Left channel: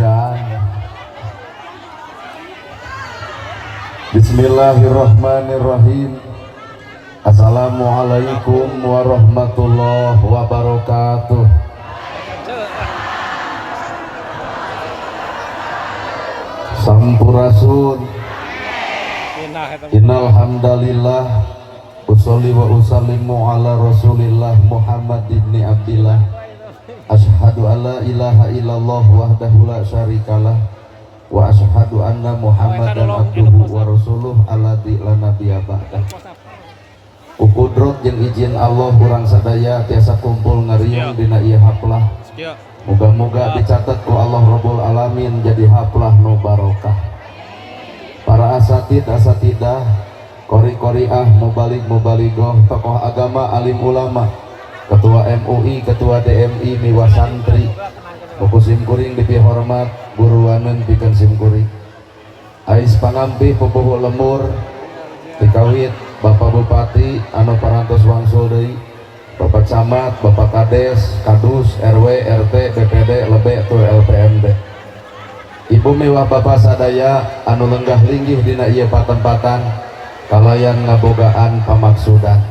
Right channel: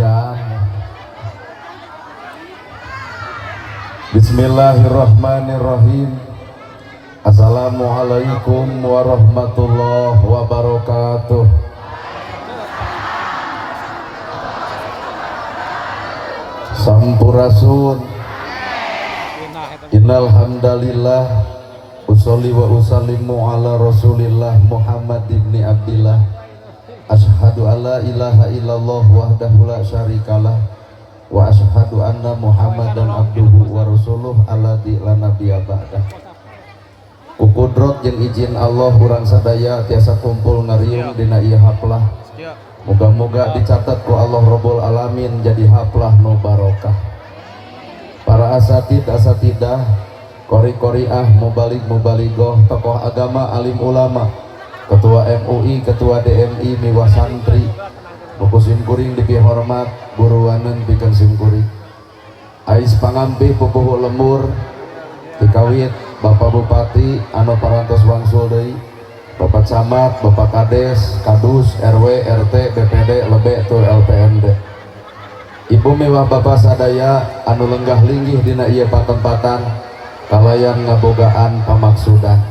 hujan. Bismillahirrahmanirrahim. Assalamualaikum warahmatullahi wabarakatuh. Sampurasun. Innal hamdalillah usolli wa usallimu ala Rasulillah Muhammad ibni Abdillah. Asyhadu alla ilaha illallah wahdahu la syarikalah wa asyhadu anna Muhammadan abduhu wa rasuluh alladzi la nabiyya ba'dah. Ukudrot jeung izin Allah urang sadaya tiasa kumpul ngariung dina ieu haplah. Moga-moga dicatat ku Allah Rabbul Alamin jadi haplah nu barokah. Para asatidah, qori-qoriah, mubalik-mubaligoh, tokoh agama, alim ulama, ketua MUI, ketua DMI, miwah santri, buku simkuring dipihormat, buruanen pikeun simkuring. Ais pangampih pupuh lemur, dikawit Bapak Bupati, anu parantos wangsul deui, Bapak Camat, Bapak Kades, Kadus, RW, RT, BPD, Lebe, tu LPMD. Ibu mewah Bapak sadaya anu lenggah linggih dina ieu patempatan kalayan ngabogaan pamaksudan.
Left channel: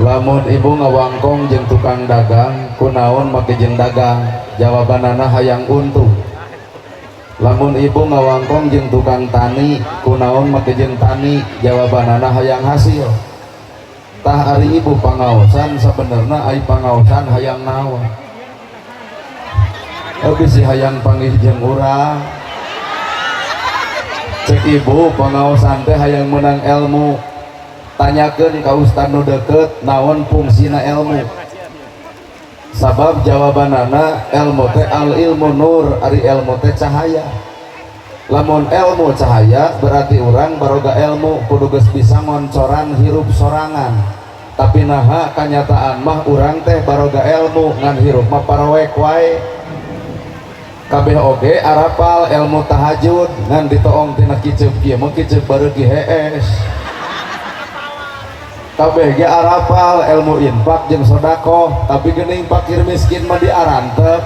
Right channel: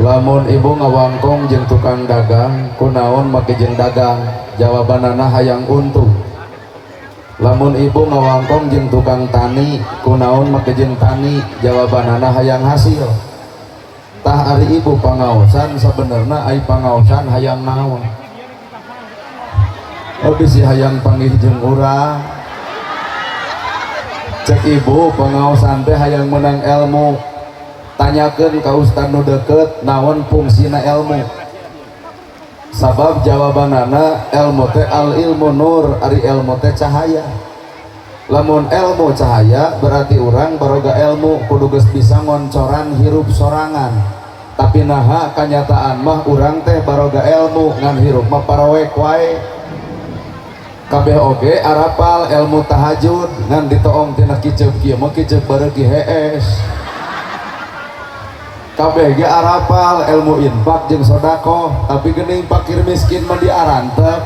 Lamun ibu ngawangkong jeung tukang dagang, kunaon make jeung dagang? Jawabanana hayang untung. Lamun ibu ngawangkong jeung tukang tani, kunaon make jeung tani? Jawabanana hayang hasil. Tah ari ibu pangaosan sabenerna ai pangaosan hayang naon? Bisi hayang panggih jeung urang. Cek ibu pangaosan teh hayang menang ilmu. Tanyakeun ka ustad nu deukeut naon fungsina ilmu. Sabab jawabanana ilmu teh al ilmu nur, ari ilmu teh cahaya. Lamun ilmu cahaya berarti urang baroga ilmu kudu geus bisa ngoncoran hirup sorangan. Tapi naha kanyataan mah urang teh baroga ilmu ngan hirup mah paroek wae. Kabeh oge arapal ilmu tahajud ngan ditoong tina kiceub kieu mah kiceub bareugi hees. Kabeh ge arapal ilmu infak jeung sedekah, tapi geuning fakir miskin mah diarantep.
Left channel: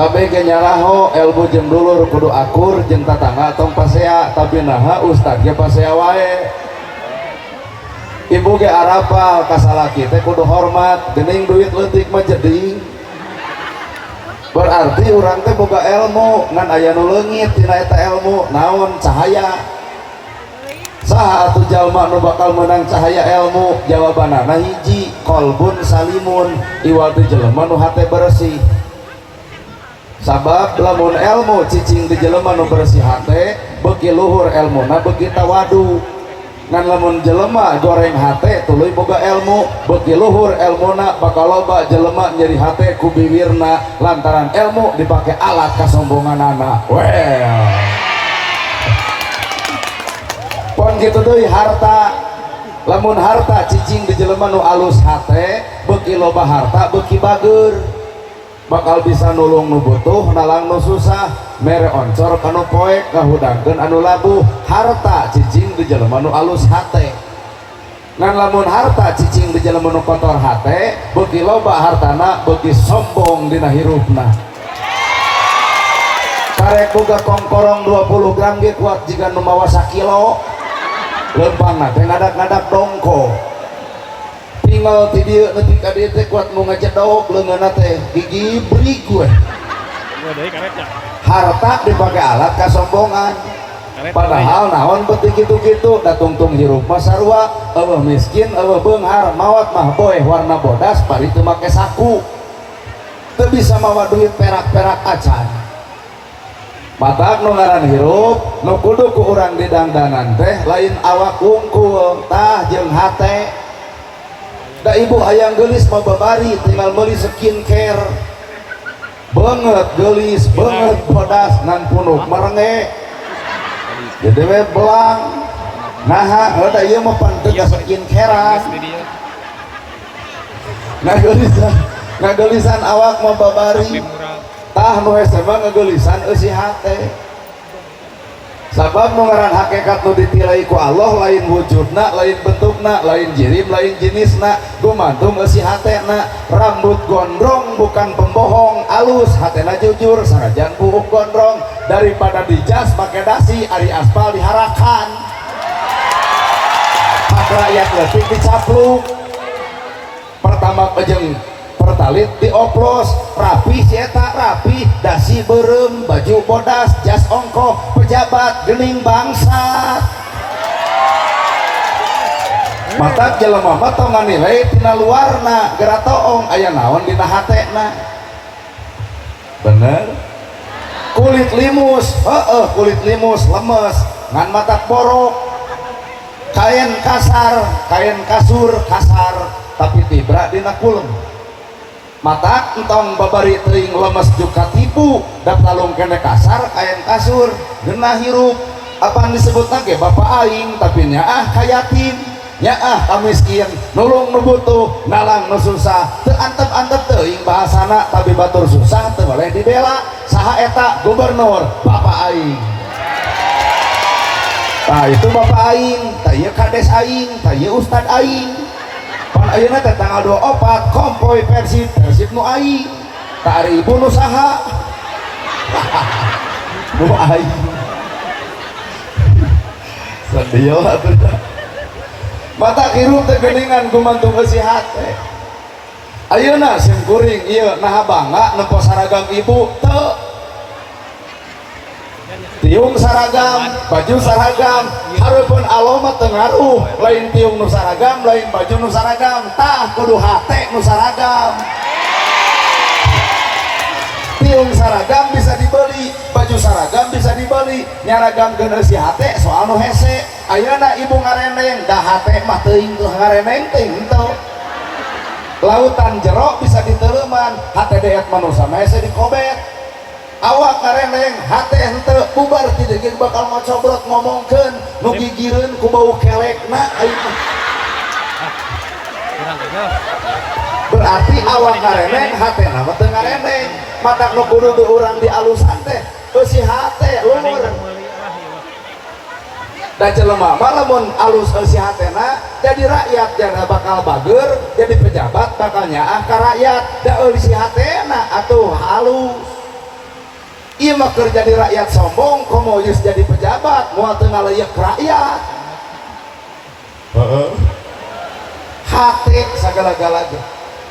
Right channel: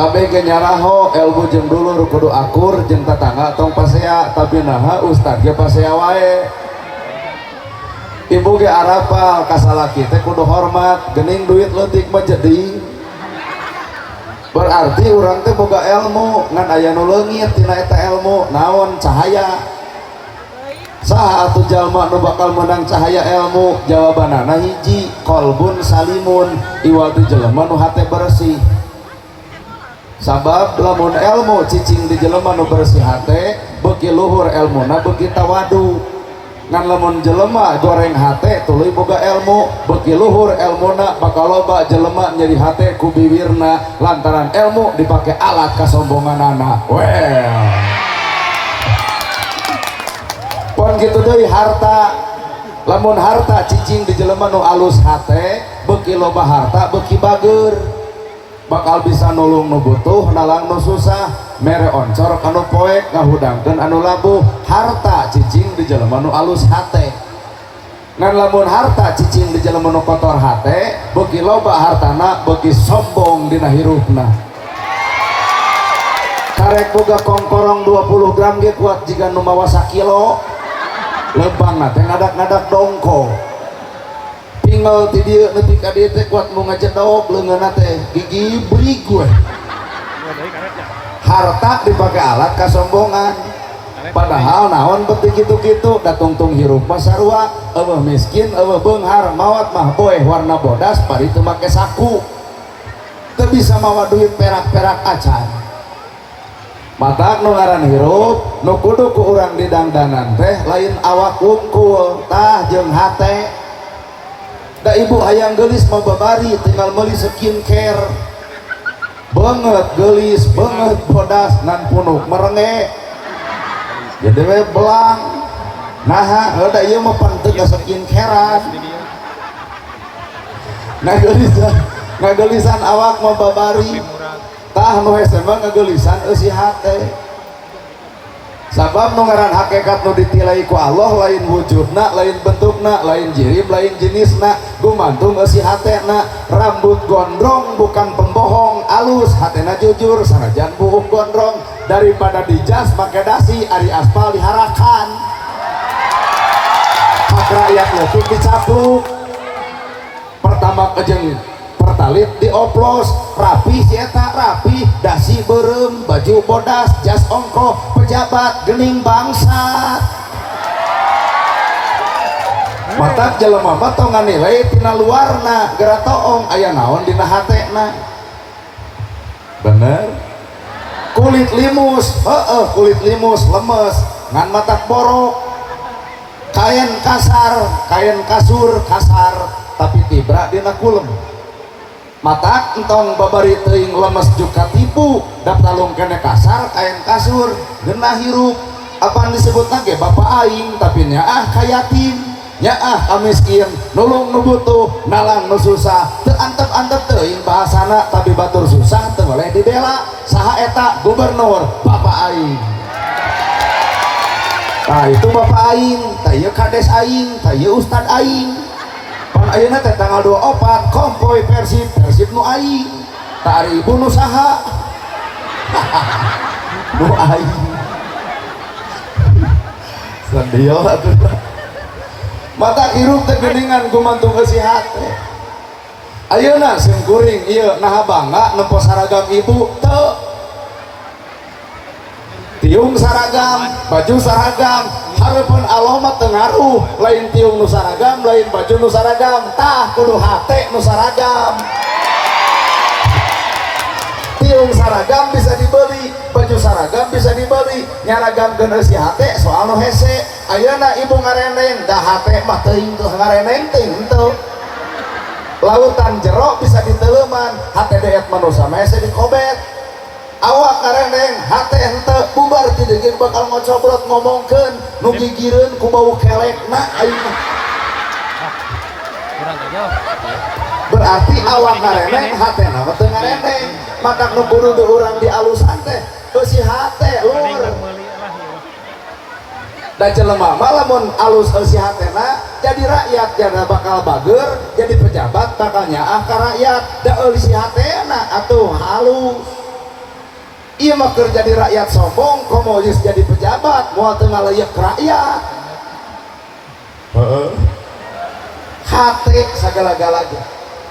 Kabeh ge nyaraho ilmu jeung dulur kudu akur jeung tatangga tong pasea, tapi naha ustad ge pasea wae. Ibu ge arapal ka salaki teh kudu hormat, geuning duit leutik mah jadi. Berarti urang teh boga ilmu ngan aya nu leungit tina eta ilmu naon cahaya. Saha atuh jalma nu bakal menang cahaya ilmu? Jawabanana hiji, qalbun salimun, iwal teh jelema nu hate bersih. Sabab lamun ilmu cicing di jelema nu bersih hate, beuki luhur ilmuna beuki tawadu. Ngan lamun jelema goreng hate tuluy boga ilmu, beuki luhur ilmuna bakal loba jelema nyeri hate ku bibirna lantaran ilmu dipake alat kasombonganana. Well. Pon kitu deui harta. Lamun harta cicing di jelema nu alus hate, beuki loba harta beuki bageur. Bakal bisa nulung nu butuh, nalang nu susah, mere oncor kana poek ngahudangkeun anu labuh. Harta cicing di jelema nu alus hate. Ngan lamun harta cicing di jelema nu kotor hate, beuki loba hartana beuki sombong dina hirupna. Karek boga kongkorong 20 gram ge kuat jiga nu mawa 1 kilo. Lempangna teh ngadak-ngadak dongko. Tinggal ti dieu nepi ka dieu teh kuat nu ngacedok leungeunna teh gigi brig we. Harta dipake alat kasombongan. Padahal naon beuti kitu-kitu da tungtung hirup mah sarua, eueuh miskin, eueuh beunghar, maot mah boeh warna bodas bari teu make saku. Teu bisa mawa duit perak-perak acan. Mata nu ngaran hirup nu kudu ku urang didangdanan teh lain awak wungkul tah jeung hate. Da ibu hayang geulis mah babari tinggal meuli skincare banget geulis banget bodas nan punuk merenge jadi we belang naha da ieu mah panteu skincarean ngageulisan awak mah babari tah nu hese mah ngageulisan eusi hate. Sabab nu ngaran hakikat nu ditilai ku Allah lain wujudna, lain bentukna, lain jirim, lain jenisna, gumantung eusi hatena. Rambut gondrong bukan pembohong, alus hatena jujur sanajan buuk gondrong daripada dijas pakai dasi ari aspal diharakan hak rakyat leutik dicapluk pertama kejeng pertalit dioplos rapi si eta rapi dasi berem baju bodas jas ongkoh pejabat gening bangsa matak jelema mah tong nganilai tina luarna gara toong aya naon dina hatena bener kulit limus kulit limus lemes ngan matak borok kain kasar kain kasur kasar tapi tibra dina kulem matak entong babari teuing lemes juga tipu daptalung kene kasar kain kasur geunah hirup apaan disebutna ge bapak aing tapi nyaah kayatin nyaah kamiskin nulung nu butuh nalang nu susah teu antep-antep teuing bahasana tapi batur susah teu boleh dibela saha eta gubernur bapak aing nah itu bapak aing tah ieu kades aing tah ieu ustad aing pan ayeuna teh tanggal 24 kompoy persib nu aing tah ari ibu nu saha nu aing sandieu atuh mata hirup teh geuningan gumantung eusi hate ayeuna sim kuring ieu naha bangga nepo saragam ibu teu tiung saragam baju saragam hareupeun Allah mah teu ngaruh lain tiung nu saragam lain baju nu saragam tah kudu hate nu saragam tiung saragam bisa dibeli baju saragam bisa dibeli nyaragamkeun eusi hate soal nu hese ayeuna ibu ngareneng dah hate mah teuing tuh ngareneng teuing henteu lautan jero bisa diteleuman hate deet manusia mah hese dikobet awak ngareneng hate henteu bubar ti deugin bakal ngocobrot ngomongkeun nu gigireun ku bau kelekna aing kurang aja berarti awak ngareneng hatena mah teu ngareneng matak nu kudu urang dialusan teh eusi hate lur dan jelema mah lamun alus eusi hatena jadi rakyat jangan bakal bager jadi pejabat bakal nyaah ka rakyat da eusi hatena atuh halus ieu mah keur jadi rakyat sombong komo geus jadi pejabat moal teu ngaleuyek rakyat hate sagala-galanya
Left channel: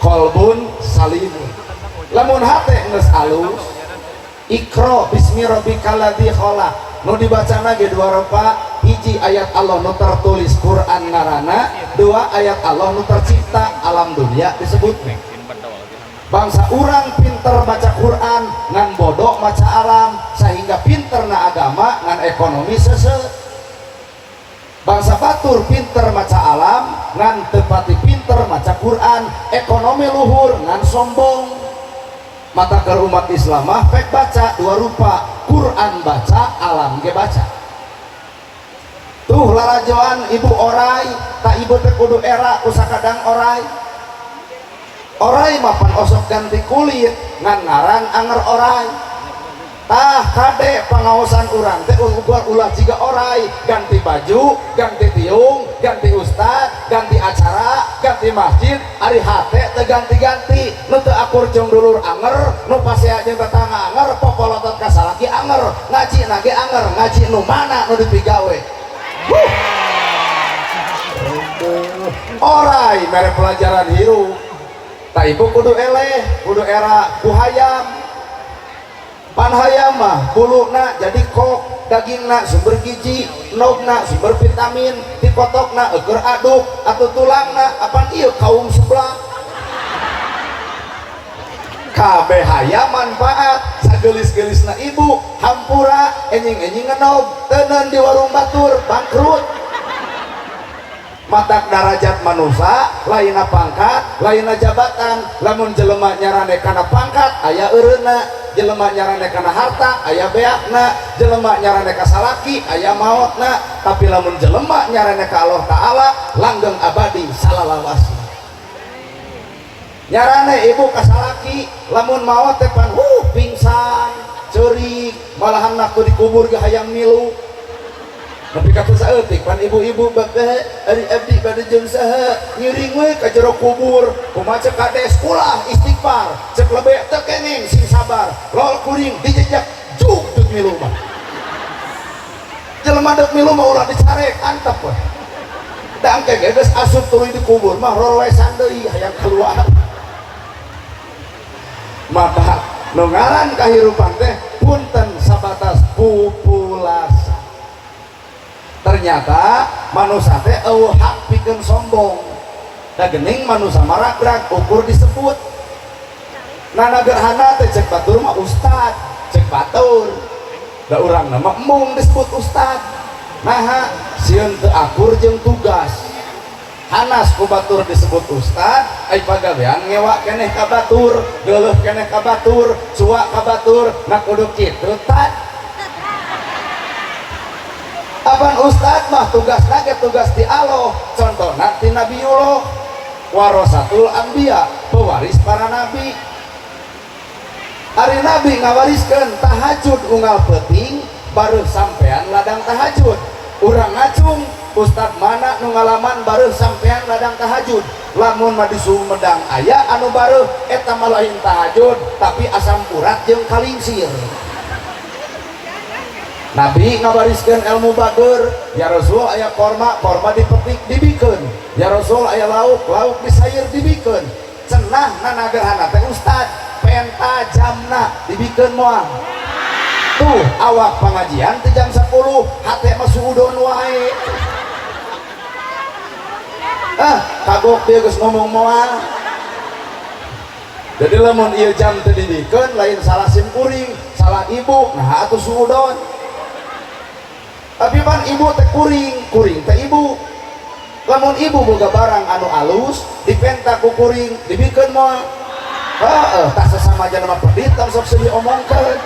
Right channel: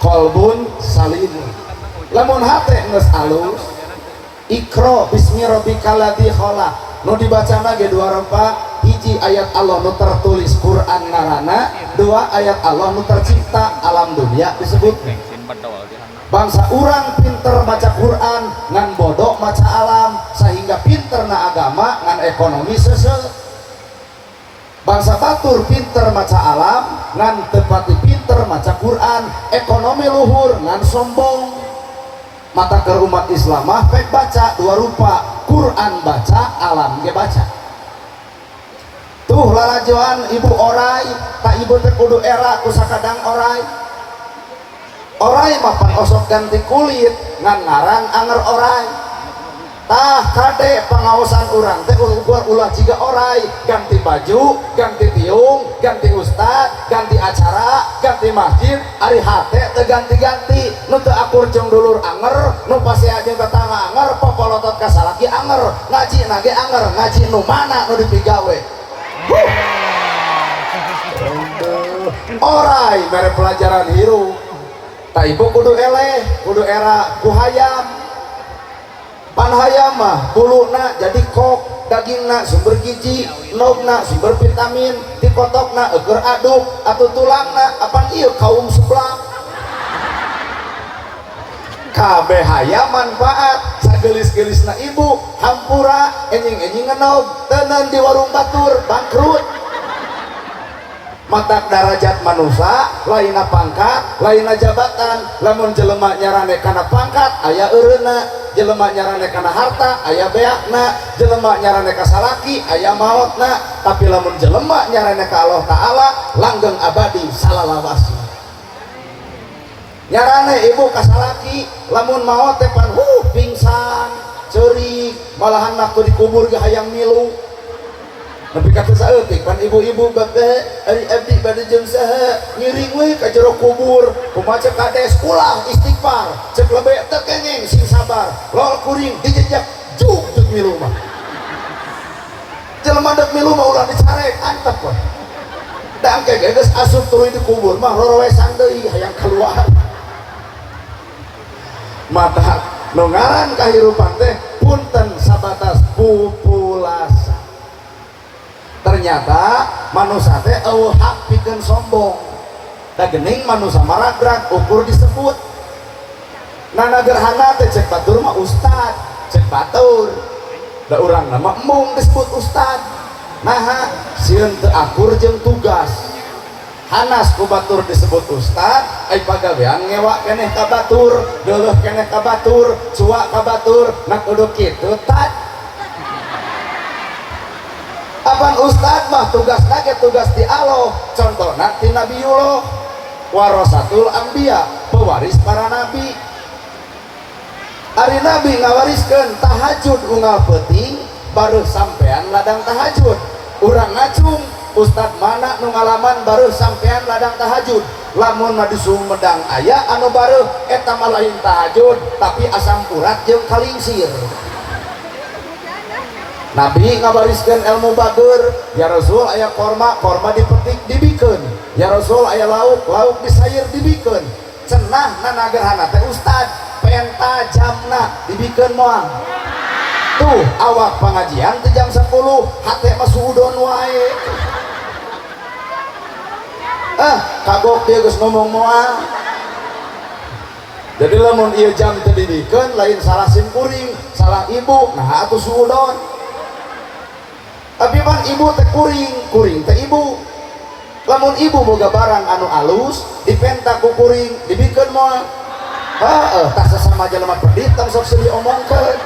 kolbun salimun lamun hate geus alus ikro bismi rabbikal ladzi khalaq nu dibaca mah ge dua rupa hiji ayat Allah nu tertulis Quran ngaranna dua ayat Allah nu tercipta alam dunia disebut bangsa urang pinter maca Quran ngan bodoh maca alam sehingga pinter na agama ngan ekonomi seuseuh bangsa batur pinter maca alam ngan tepati pinter maca Quran ekonomi luhur ngan sombong mata ke umat Islam mah pek baca dua rupa Quran baca alam ge baca tuh larajoan ibu orai tak ibu teh kudu era usakadang orai orai mah pan osok ganti kulit ngan ngaran anger orai tah kade pengawasan urang teh buat ulah jiga orai ganti baju ganti tiung ganti ustad ganti acara ganti masjid ari hate teh ganti-ganti nu teu akur jeung dulur anger nu pasea jeung tetangga anger popolotot ka salaki anger ngaji nage anger ngaji nu mana nu dipigawe orai mere pelajaran hirup tak ibu kudu eleh kudu era ku hayam pan hayam mah kuluna jadi kok dagingna sumber gizi nogna sumber vitamin dikotokna eger aduk atau tulangna apan ieu kaum sebelah kabeh hayam manfaat sagelis-gelisna ibu hampura enjing-enjing ngenog teuneun di warung batur bangkrut matak darajat manusia lainna pangkat lainna jabatan lamun jelema nyarane kana pangkat aya eureuna jelema nyarane kana harta aya beakna jelema nyarane ka salaki aya maotna tapi lamun jelema nyarane ka Allah taala langgeng abadi salalawasi nyarane ibu ka salaki lamun maot teh pan pingsan ceurik malahan waktu dikubur ge hayang milu tapi kata saeutik pan ibu-ibu bakeh ari abdi bade jeung saha ngiring we ka jero kubur kumaha cek kades ulah istighfar cek lebe teu keneng sing sabar lol kuring dijejak juk milu mah jelema dek milu mah ulah dicarek antep weh dangke geus asup tuluy di kubur mah rorowesan deui hayang keluar mata nu ngaran kahirupan teh punten sabatas pupulasa ternyata manusia teh hak pikeun sombong da geuning manusia maragrag ukur disebut nana gerhana teh cek batur mah ustad cek batur da urang nama mung disebut ustad nah sieun teu akur jeung tugas hanas ku batur disebut ustad ai pagawean ngewa keneh ka batur geuleuh keneh ka batur cuak ka batur na kudu kitu tad apan ustad mah tugasna ge tugas di Allah contohna ti Nabiullah warasatul anbiya pewaris para nabi ari nabi ngawariskeun tahajud unggal peuting baru sampean ladang tahajud urang ngacung ustad mana nu ngalaman baru sampean ladang tahajud lamun mah di Sumedang aya anu baru eta mah lain tahajud tapi asam urat jeung kalingsir nabi ngawariskeun ilmu bager ya Rasul aya korma dipetik dibikeun ya Rasul aya lauk disayer dibikeun cenah nanagerhana teh ustad penta jamna dibikeun moal tuh awak pengajian teh jam 10 hate mah suudon wae kagok dia geus ngomong moal jadi lamun ieu jam teh dibikeun lain salah sim kuring salah ibu nah atuh suudon tapi pan ibu teh kuring teh ibu lamun ibu boga barang anu alus dipenta ku kuring dibikeun moal tak sesama jelema pedit tang sok seuli omongkeun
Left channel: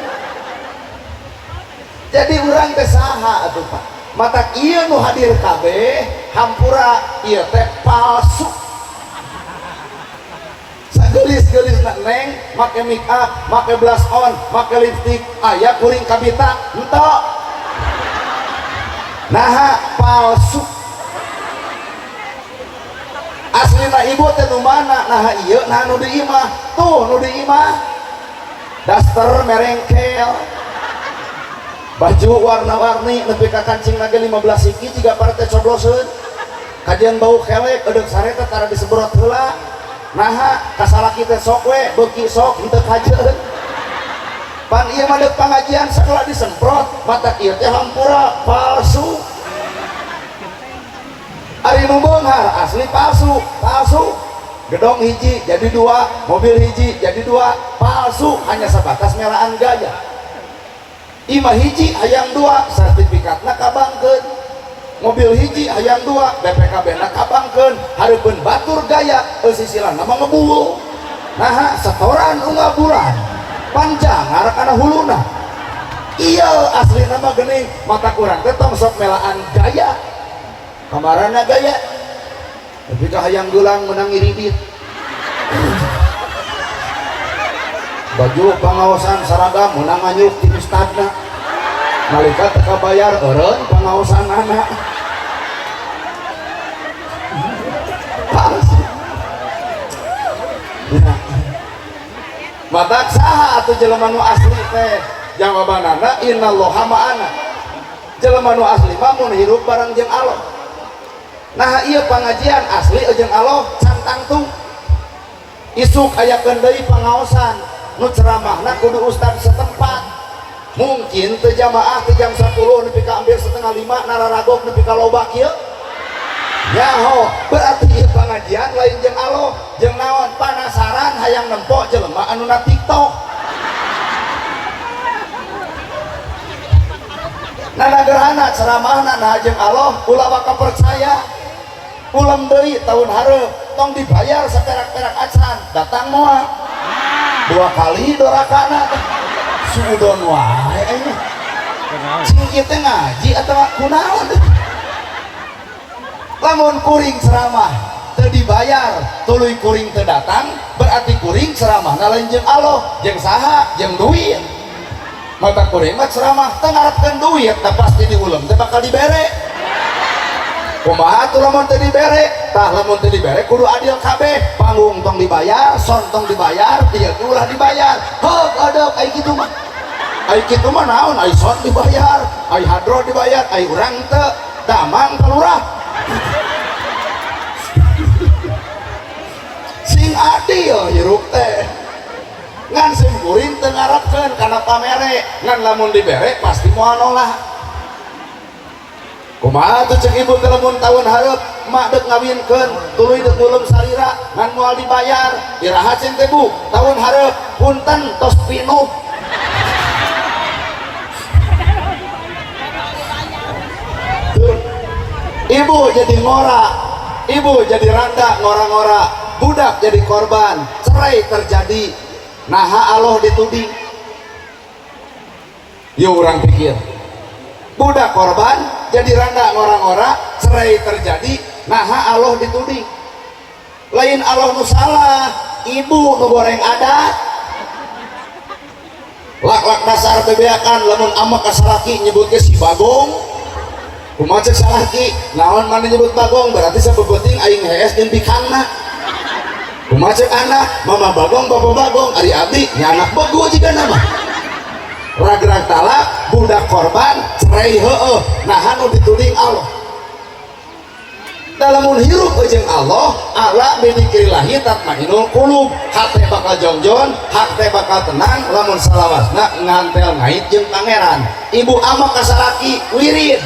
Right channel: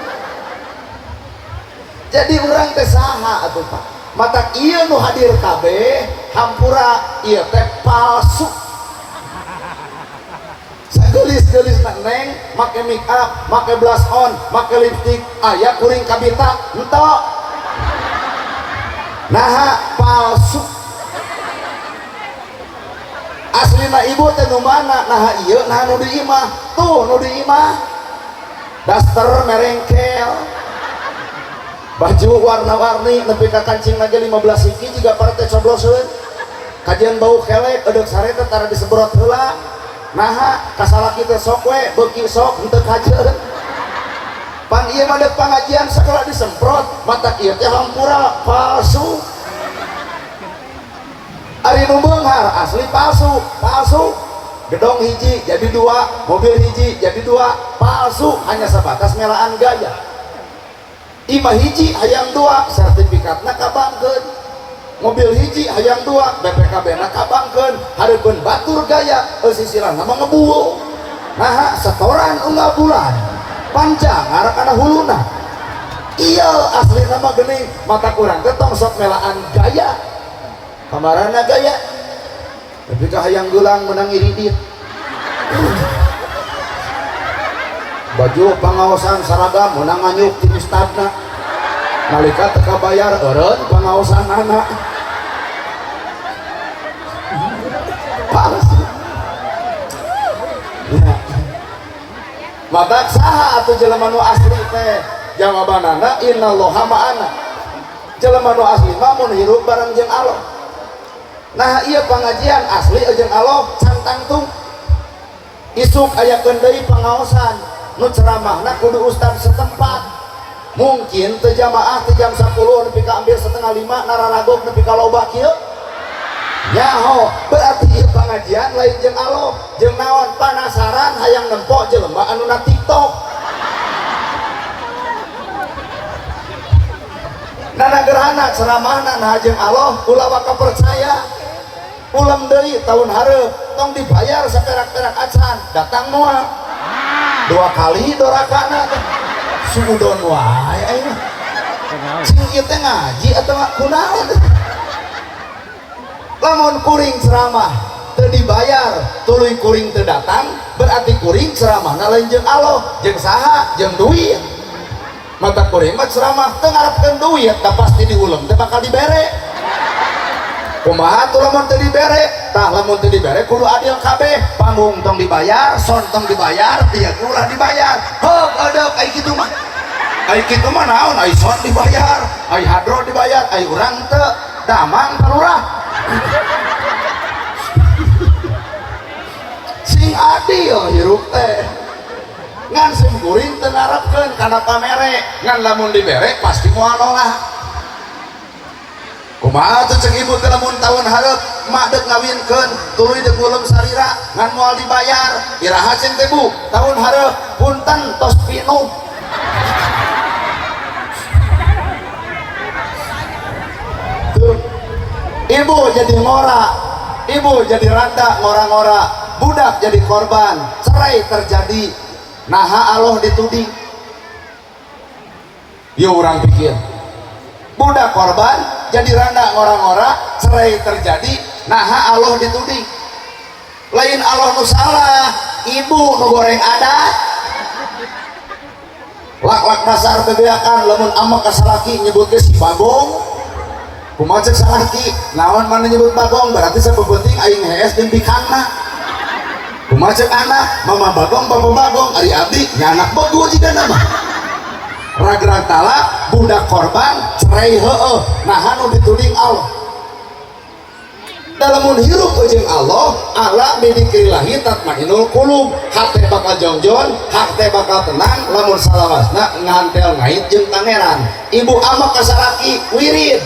jadi urang teh saha atuh Pak mata ieu nu hadir kabeh hampura ieu teh palsu sagelis-gelis neng make make up make blush on make lipstick aya kuring kabita henteu nah palsu aslina ibu teh nu mana nah ieu nah nu di imah tuh nu di imah daster merengkel baju warna-warni nepi ka kancing lagi 15 hiji jiga partai cobloseun kajian bau kelek edeuk sareta tara disebrot heula nah kasalaki teh sok we beuki sok henteu kajeun pan ieu mah deuk pengajian sekolah disemprot mata ieu teh hampura palsu ari nu beunghar asli palsu gedong hiji jadi 2 mobil hiji jadi 2 palsu hanya sebatas melaan gaya imah hiji hayang 2 sertifikatna kabangkeun mobil hiji hayang 2 BPKB na kabangkeun hareupeun batur gaya sisiran nama ngebul nah setoran unggal bulan panjangar kana huluna iya asli nama geuning mata kurang teh tong sok melaan gaya kamarana gaya tapi ka hayang gulang menang iridit baju pengawasan seragam menang anyuk di istana nalika teka bayar eureun pengawasan anak ya madak saha atuh jelema nu asli teh jawabanana innallaha ma'ana jelema nu asli mah mun hirup bareng jeung Allah nah ieu pengajian asli jeung Allah cantang tuh isuk aya deui pengaosan nu ceramahna kudu ustad setempat mungkin teu jamaah teu jam 10 nepi ka ambil setengah 5 nararagog nepi ka loba kieu nyaho berarti ieu pengajian lain jeung Allah jeung naon panasaran hayang nempo jelema anu na TikTok nanagerhana ceramahna nah jeung Allah ulah waka percaya ulam deui tahun hareup tong dibayar saperak-perak acan datang moal 2 kali dorakana suudon wae aya sing ieu teh ngaji atawa kunaon lamun kuring ceramah teu dibayar tuluy kuring teu datang berarti kuring ceramahna lain jeung Allah jeung saha jeung duit mata kuring mah ceramah teu ngarepkeun duit da pasti diulem teh bakal dibere kumaha tuh lamun teu dibere tah lamun teu dibere kudu adil kabeh panggung tong dibayar son tong dibayar tiap ulah dibayar heuh adab ai kitu mah naon ai son dibayar ai hadro dibayar ai urang teu damang kalurah sing adil hirup teh ngan sing kuring teu ngaratkeun kana pamere ngan lamun dibere pasti moal nolak kumaha tuh cek ibu teh lamun tahun hareup mak deuk ngawinkeun tuluy deuk ulum sarira ngan moal dibayar iraha cing teh Bu tahun hareup punten tos pinuh ibu jadi ngora ibu jadi randa ngora-ngora budak jadi korban cerai terjadi naha Allah dituding yuk orang pikir budak korban jadi randa ngora-ngora cerai terjadi naha Allah dituding lain Allah nu salah ibu nu goreng adat lak-lak dasar bebeakan lamun ama kasalaki nyebutke si bagong kumaha cek salaki naon mana nyebut bagong berarti sabebeting aing hees jeung bikangna kumaha cek anak mama bagong papa bagong ari abdi nya anak bogo jiga nama rag-rag talak budak korban cerai heueuh naha nu dituding Allah dalamun hirup jeung Allah ala bidikrillahi tatmainul qulub hate bakal jongjon hate bakal tenang lamun salawasna ngantel ngait jeung pangeran ibu ama kasalaki wirid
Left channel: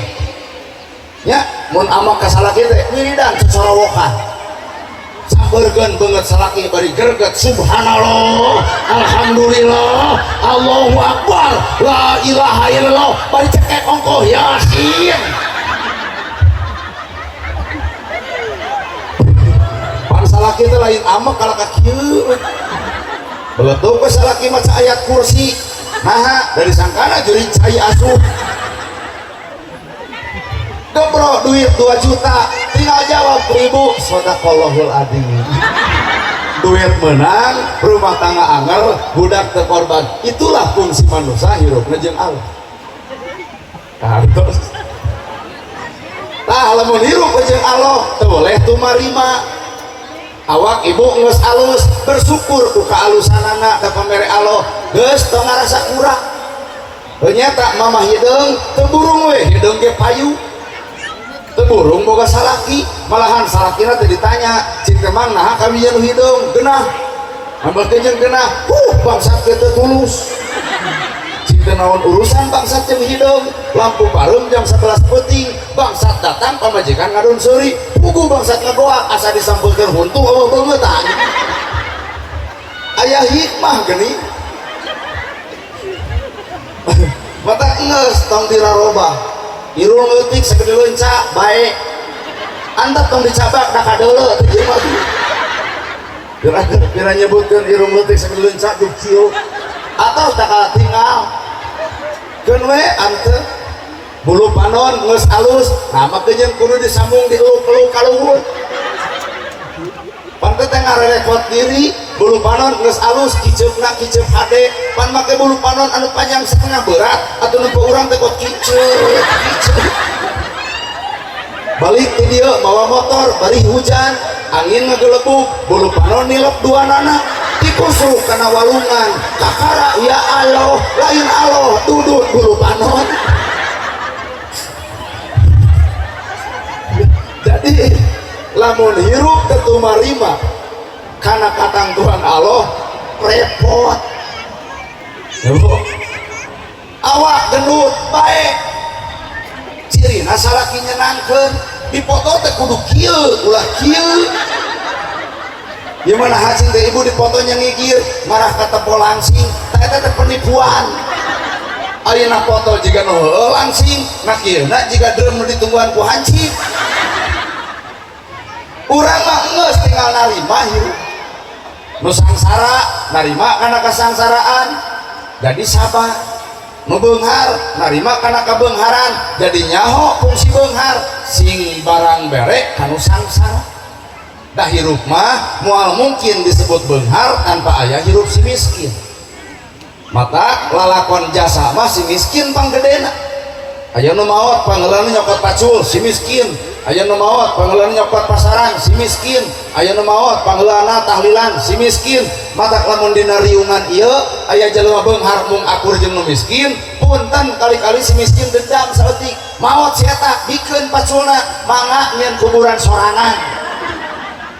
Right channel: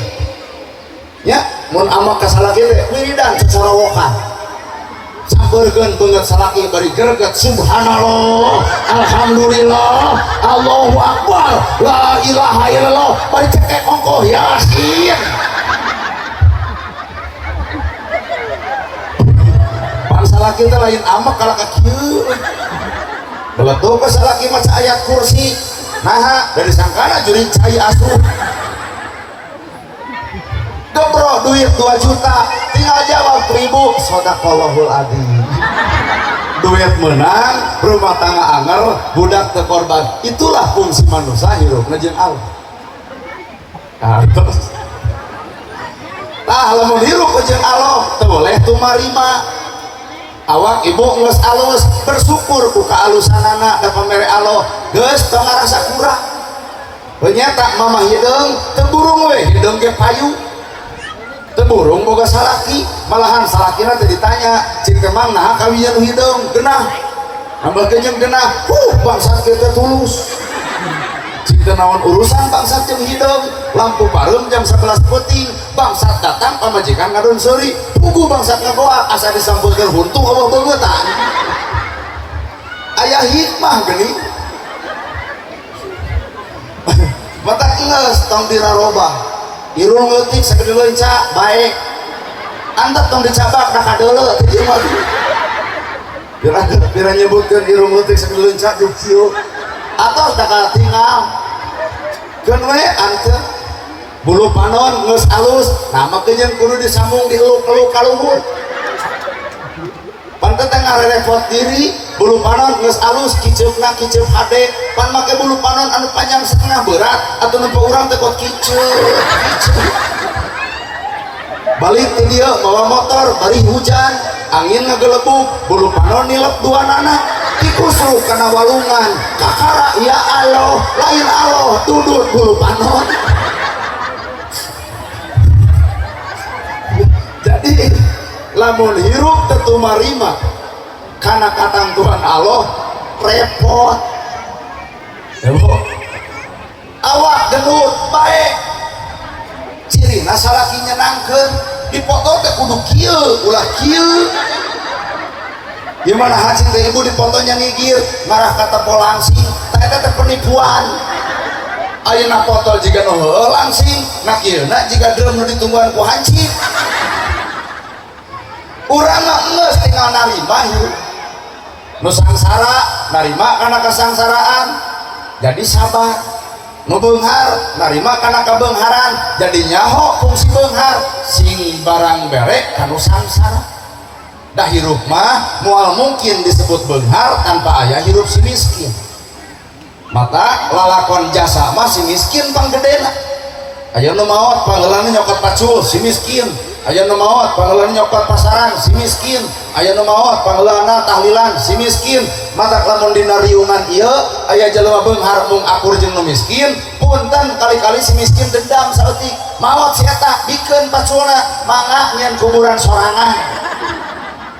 ya mun ama kasalaki teh wiridan sasarawokan sabeurkeun beungeut salaki bari greget subhanallah alhamdulillah Allahu akbar la ilaha illallah bari cekek ongkoh yasin pan salaki teh lain ama kalau ka kieu beletuk ke salaki maca ayat kursi nah dari sangkana juring cai asuh bro duit 2 juta tinggal jawab 1000 sodaqallahul adzim duit menang rumah tangga angel budak terkorban itulah fungsi manusia hirup jeung Allah terus tah lamun hirup jeung Allah teu boleh tumarima awak ibu geus alus bersyukur ku kaalusanana da pamere Allah geus teu ngarasa kurang ternyata mama hideung teu burung we hideung ge payu teburung boga salaki malahan salakina teh ditanya cing teh mang naha kawiyan hidung genah nambah kejeung genah bangsa kita tulus cing teh naon urusan bangsa jeung hidung lampu pareum jam 11 peuting bangsa datang pamajikan ngadon seuri pugu bangsa ngagoa asa disampeukeun huntu Allah beungetan aya hikmah geuning mata geus tong dirarobah irung leutik sagede leunca bae antap tong dicabak da kadeuleu teh ieu mah kira nyebutkeun irung leutik sagede leunca du kieu atos da katinggal keun we anteu bulu panon geus alus nah make jeung kudu disambung dieluk-eluk ka luhur pan teh ngarepot diri bulu panon geus alus kiceupna kiceup hade pan make bulu panon anu panjang setengah berat atuh nempo urang teh pot kiceup balik ke dia bawa motor bari hujan angin ngagelebuk bulu panon nilep dua nana dikusuk kana walungan kakara ya Allah lain Allah tudut bulu panon jadi lamun hirup tetu marima karena katangguhan Allah repot awak genut baik cirina salaki nyenangkeun dipoto teh kudu kieu ulah kieu gimana hacing teh ibu dipotonya ngigir ngarah ka tempo langsing eta teh penipuan ayeuna foto jiga nu heueuh langsing nah kieuna jiga drum nu ditungguan ku hancing urang mah geus tinggal narima hirup nu sangsara narima kana kasangsaraan jadi sabar nu beunghar narima kana kabeungharan jadi nyaho fungsi beunghar sing barang berek kanu sangsara dah hirup mah moal mungkin disebut beunghar tanpa aya hirup si miskin mata lalakon jasa mah si miskin panggedena aya nu maot panggeulana nyokot pacul si miskin aya nu maot pangeulana nyokot pasaran si miskin, aya nu maot pangeulana tahlilan si miskin. Mata lamun dina riungan ieu aya jelema beunghar mung akur jeung nu miskin, punten kali-kali si miskin dendam saeutik maot si eta bikeun paculna mangga nyen kuburan sorangan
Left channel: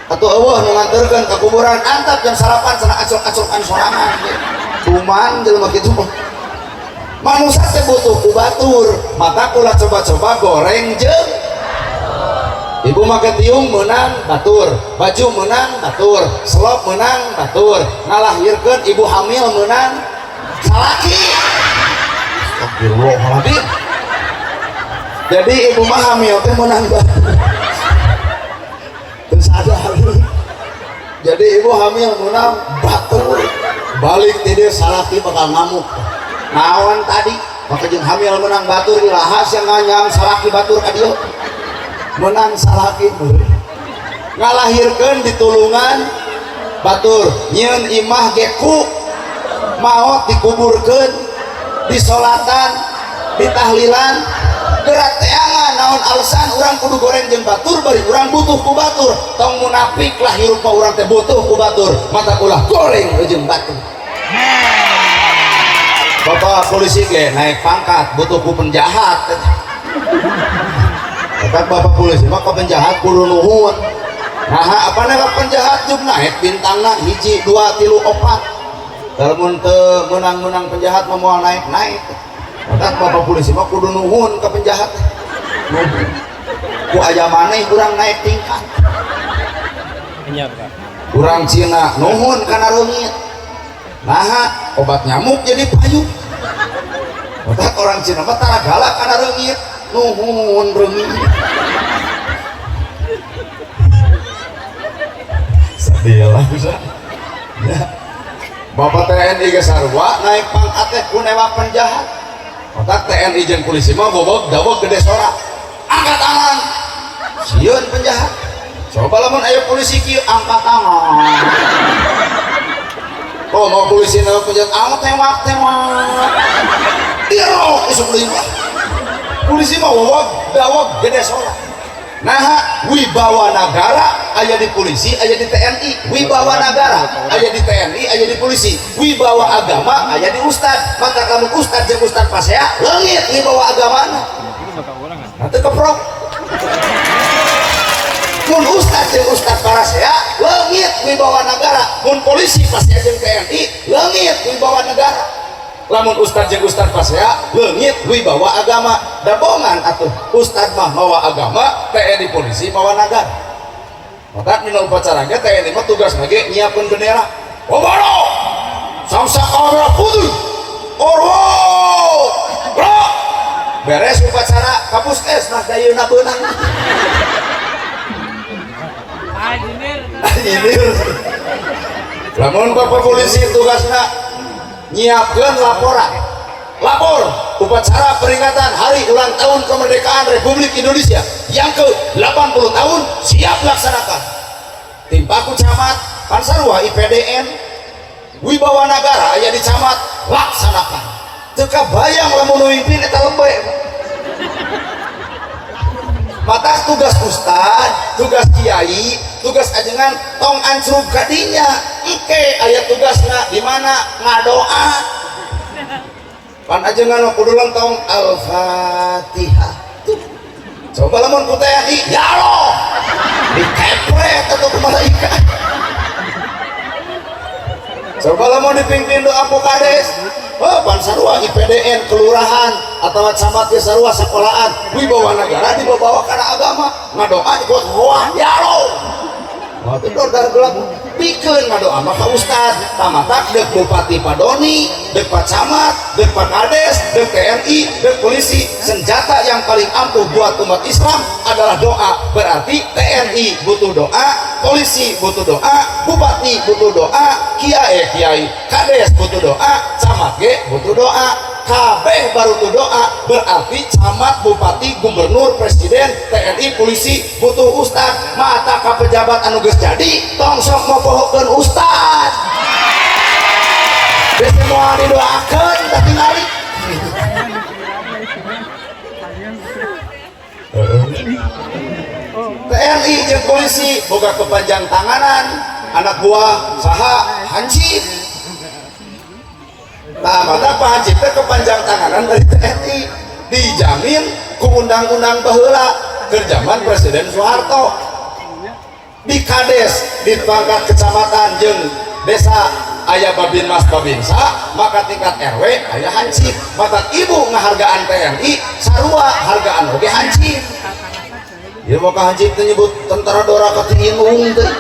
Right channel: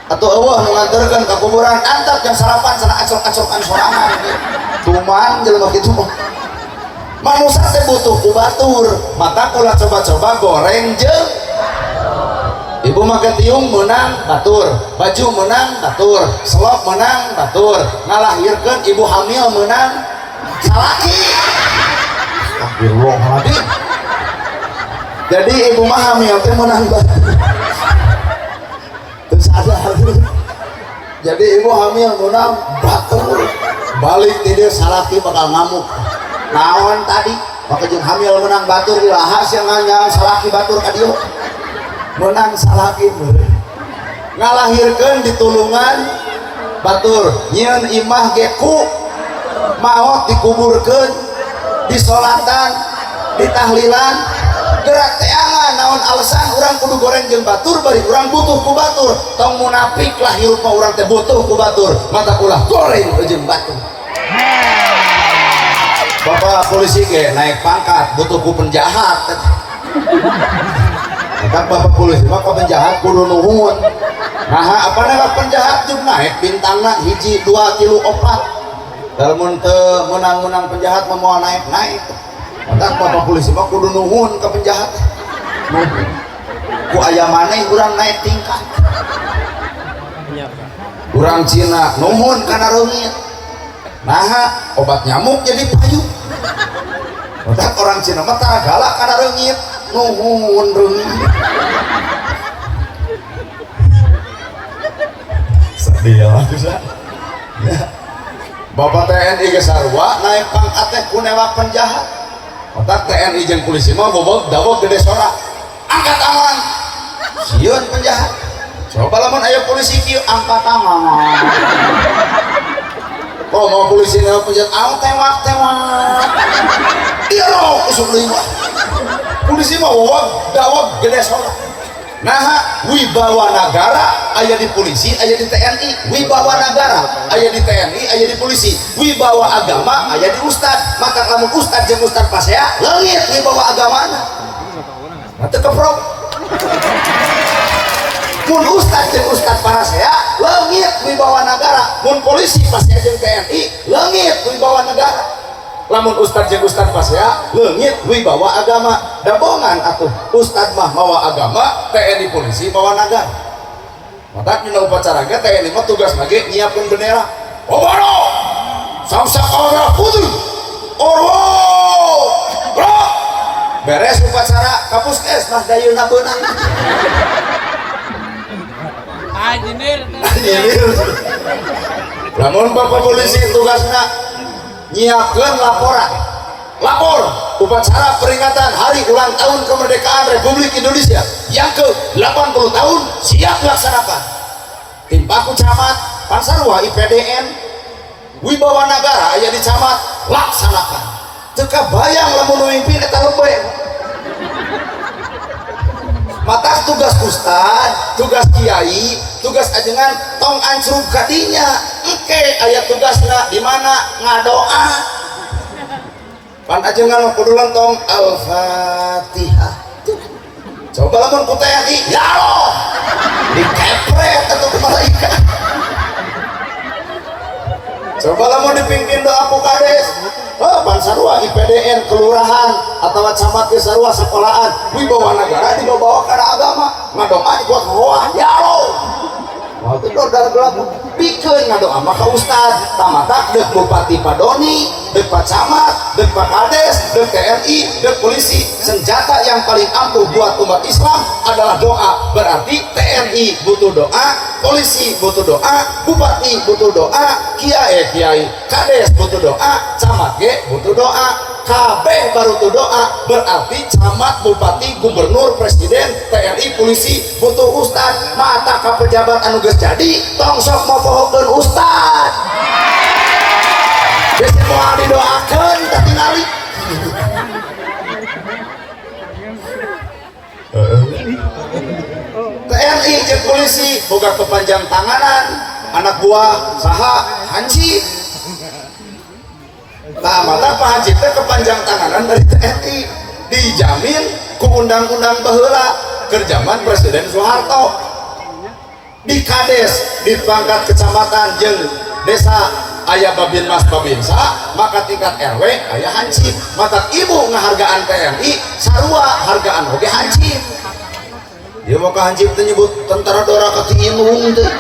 atau eueuh nu nganterkeun ka kuburan antap jam 8 cenah acur-acurkan sorangan. Cuman jelema kitu manusia teh butuh ku batur, maka kula coba-coba goreng jeung ibu make tiung menang batur, baju menang batur, selop menang batur, ngalahirkeun ibu hamil menang salaki. Astagfirullahaladzim. Jadi ibu mah hamil teh menang batur. Terus ada jadi ibu hamil menang batur. Balik ti dieu salaki bakal ngamuk. Naon tadi maka jeung hamil menang batur dilahas yang nganyang salaki batur ka dieu menang salaki ngalahirkeun ditulungan batur nyieun imah geku maot dikuburkeun disolatan ditahlilan gerak teangan naon alasan urang kudu goreng jeung batur bari urang butuh ku batur tong munafik lah hirup urang teh butuh ku batur mata ulah goreng jeung batur. Bapak polisi ge naik pangkat butuh ku penjahat. Kan bapak polisi mah kok penjahat kudu nuhun. Nah, apa nih penjahat jeung naik bintangna 1 2 3 4. Lamun teu menang-menang penjahat mah moal naik-naik. Kan bapak polisi mah kudu nuhun ka penjahat. Ku aya maneh urang naik tingkat. Urang Cina nuhun kana reungit. Nah, obat nyamuk jadi payu. Maka orang Cina mah tara galak kana reungit, nuhun reungit. Sedih lah bisa. Bapak TNI ge sarua naik pangkat teh ku nembak penjahat. Maka TNI jeung polisi mah bobog dawog gede sorak. Angkat tangan. Sieun penjahat. Coba lamun aya polisi kieu angkat tangan. Oh mau polisi naik penjahat, tewak iya loh, isuk lima polisi mah dawag gede sorak. Nah wibawa negara aya di polisi, aya di TNI. Wibawa negara aya di TNI, aya di polisi. Wibawa agama aya di ustad. Maka kamu ustad jeung ustad pasea leungit wibawa agamana nanti keprok. Mun ustad jeung ustad parasea leungit wibawa negara. Mun polisi pasea jeung TNI leungit wibawa negara. Lamun ustad jeung ustad pasea leungit wibawa agama. Dabongan atuh ustad mah mawa agama, TNI polisi mawa negara. Maka dina upacara ge TNI mah tugas ge nyiapkeun bendera. Obaro samsak kamera putih orwo bro beres upacara kapuskes mah dayeuna beunang. Namun bapak polisi tugasnya nyiapkan laporan lapor upacara peringatan hari ulang tahun kemerdekaan Republik Indonesia yang ke-80 tahun siap laksanakan. Tim baku camat Pansarwa IPDN wibawa negara aya di camat laksanakan. Teka bayang lamun mimpin eta lembay. Maka tugas ustad, tugas kiai, tugas ajengan tong ancruk kadinya. Engke aya tugasna di mana ngadoa. Pan ajengan kudu lentong Al-Fatihah. Coba lamun ku TNI, ya Allah. Dikepret atuh malaikat. Coba lamun dipimpin doa ku kades. Pan sarua IPDN kelurahan atau camat ge sarua sekolahan wibawa negara dibawa kana agama ngadoa ikut roah ya Allah. Waktu itu udah gelap bikin ngadoa maka ustad tamatak dek bupati padoni dek pak camat dek pak kades dek TNI dek polisi senjata yang paling ampuh buat umat Islam adalah doa. Berarti TNI butuh doa, polisi butuh doa, bupati butuh doa, kiai kades butuh doa, camat ge butuh doa, kabeh baru tuh doa. Berarti camat, bupati, gubernur, presiden, TNI, polisi butuh ustad. Mata ka pejabat anu geus jadi tong sok mopohokeun ustad. Bisi moal didoakeun teh tingali. jeung polisi boga kepanjang tanganan anak buah saha hansip. Nah mana Pak Hansip teh kepanjang tanganan dari TNI dijamin ku undang-undang teu heula keur zaman Presiden Soeharto. Di Kades di pangkat kecamatan jeung desa aya Babinmas Babinsa maka tingkat RW aya hansip. Mata ibu ngahargaan TNI sarua hargaan oge hansip. Ieu mah hansip teh nyebut tentara Dora Katinung teh.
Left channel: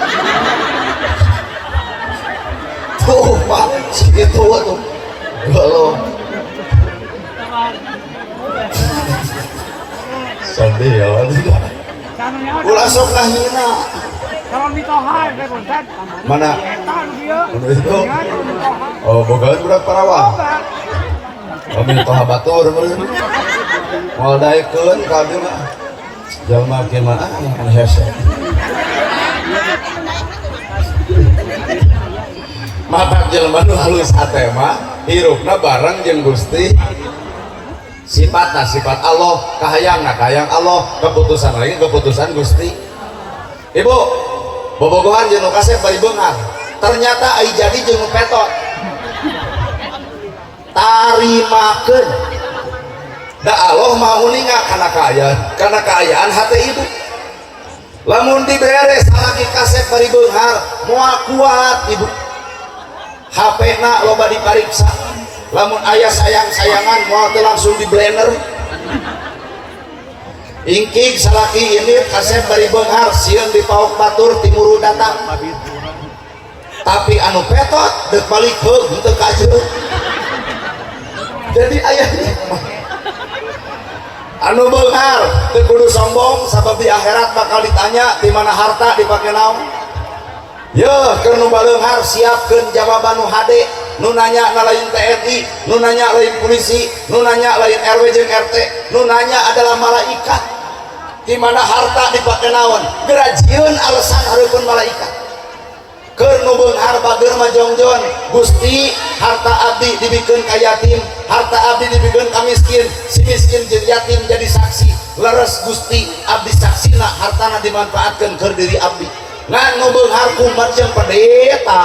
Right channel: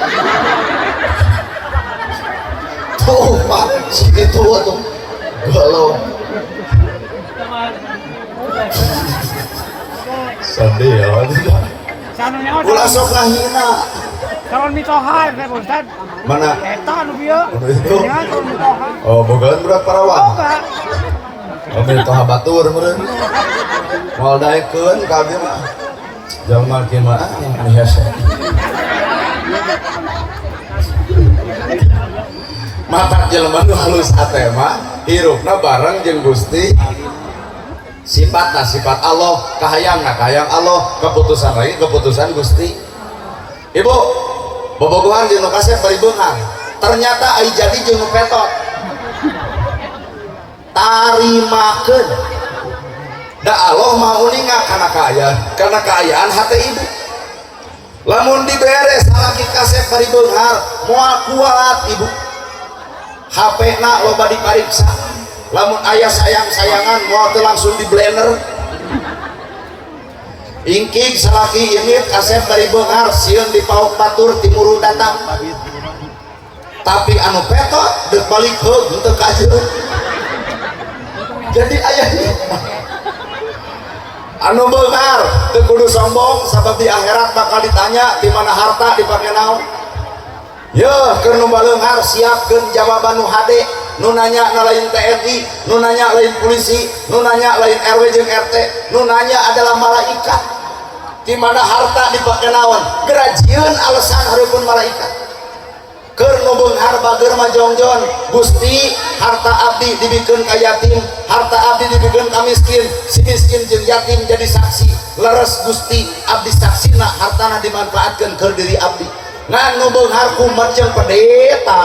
Tuh Pak segitu tuh. Galau. Sedih ya. Ulah sok ngahina. Mana? Itu. Oh, boga udah parawan. Ini toha batur meureun. Moal daekeun ka abdi mah. Jalma kieu mah hese. Mata jelema nu halus ate mah hirupna bareng jeung Gusti. Sifatna sifat Allah, kahayangna kahayang Allah, keputusan lagi keputusan Gusti. Ibu, bobogohan jeung nu kasep bari beunghar. Ternyata ai jadi jeung nu petot. Tarimakeun. Da Allah mau ninga karena kaayaan hate ibu. Lamun diberes lagi kasep bari beunghar, moal kuat ibu. HP-na loba dipariksa. Lamun ayah sayang-sayangan mau tuh langsung di blender. Ingkig salaki ini kasep dari beunghar sieun di pauk batur timur datang. Tapi anu petot deuk balik heug henteu kajeuk. Jadi ayahnya anu beunghar teu kudu sombong sabab di akhirat bakal ditanya di mana harta dipake naon. Yeuh keur nu baleunghar siapkeun jawaban nu hade. Nu nanya lain TNI, nu nanya lain polisi, nu nanya lain RW jeung RT, nu nanya adalah malaikat. Di mana harta dipake naon? Gerajieun alasan hareupeun malaikat. Keur nu beunghar bager majongjon, Gusti, harta abdi dibikeun ka yatim, harta abdi dibikeun ka miskin, si miskin jeung yatim jadi saksi. Leres Gusti, abdi saksina hartana dimanfaatkeun keur diri abdi. Ngan nu beunghar kumat jeung pendeta.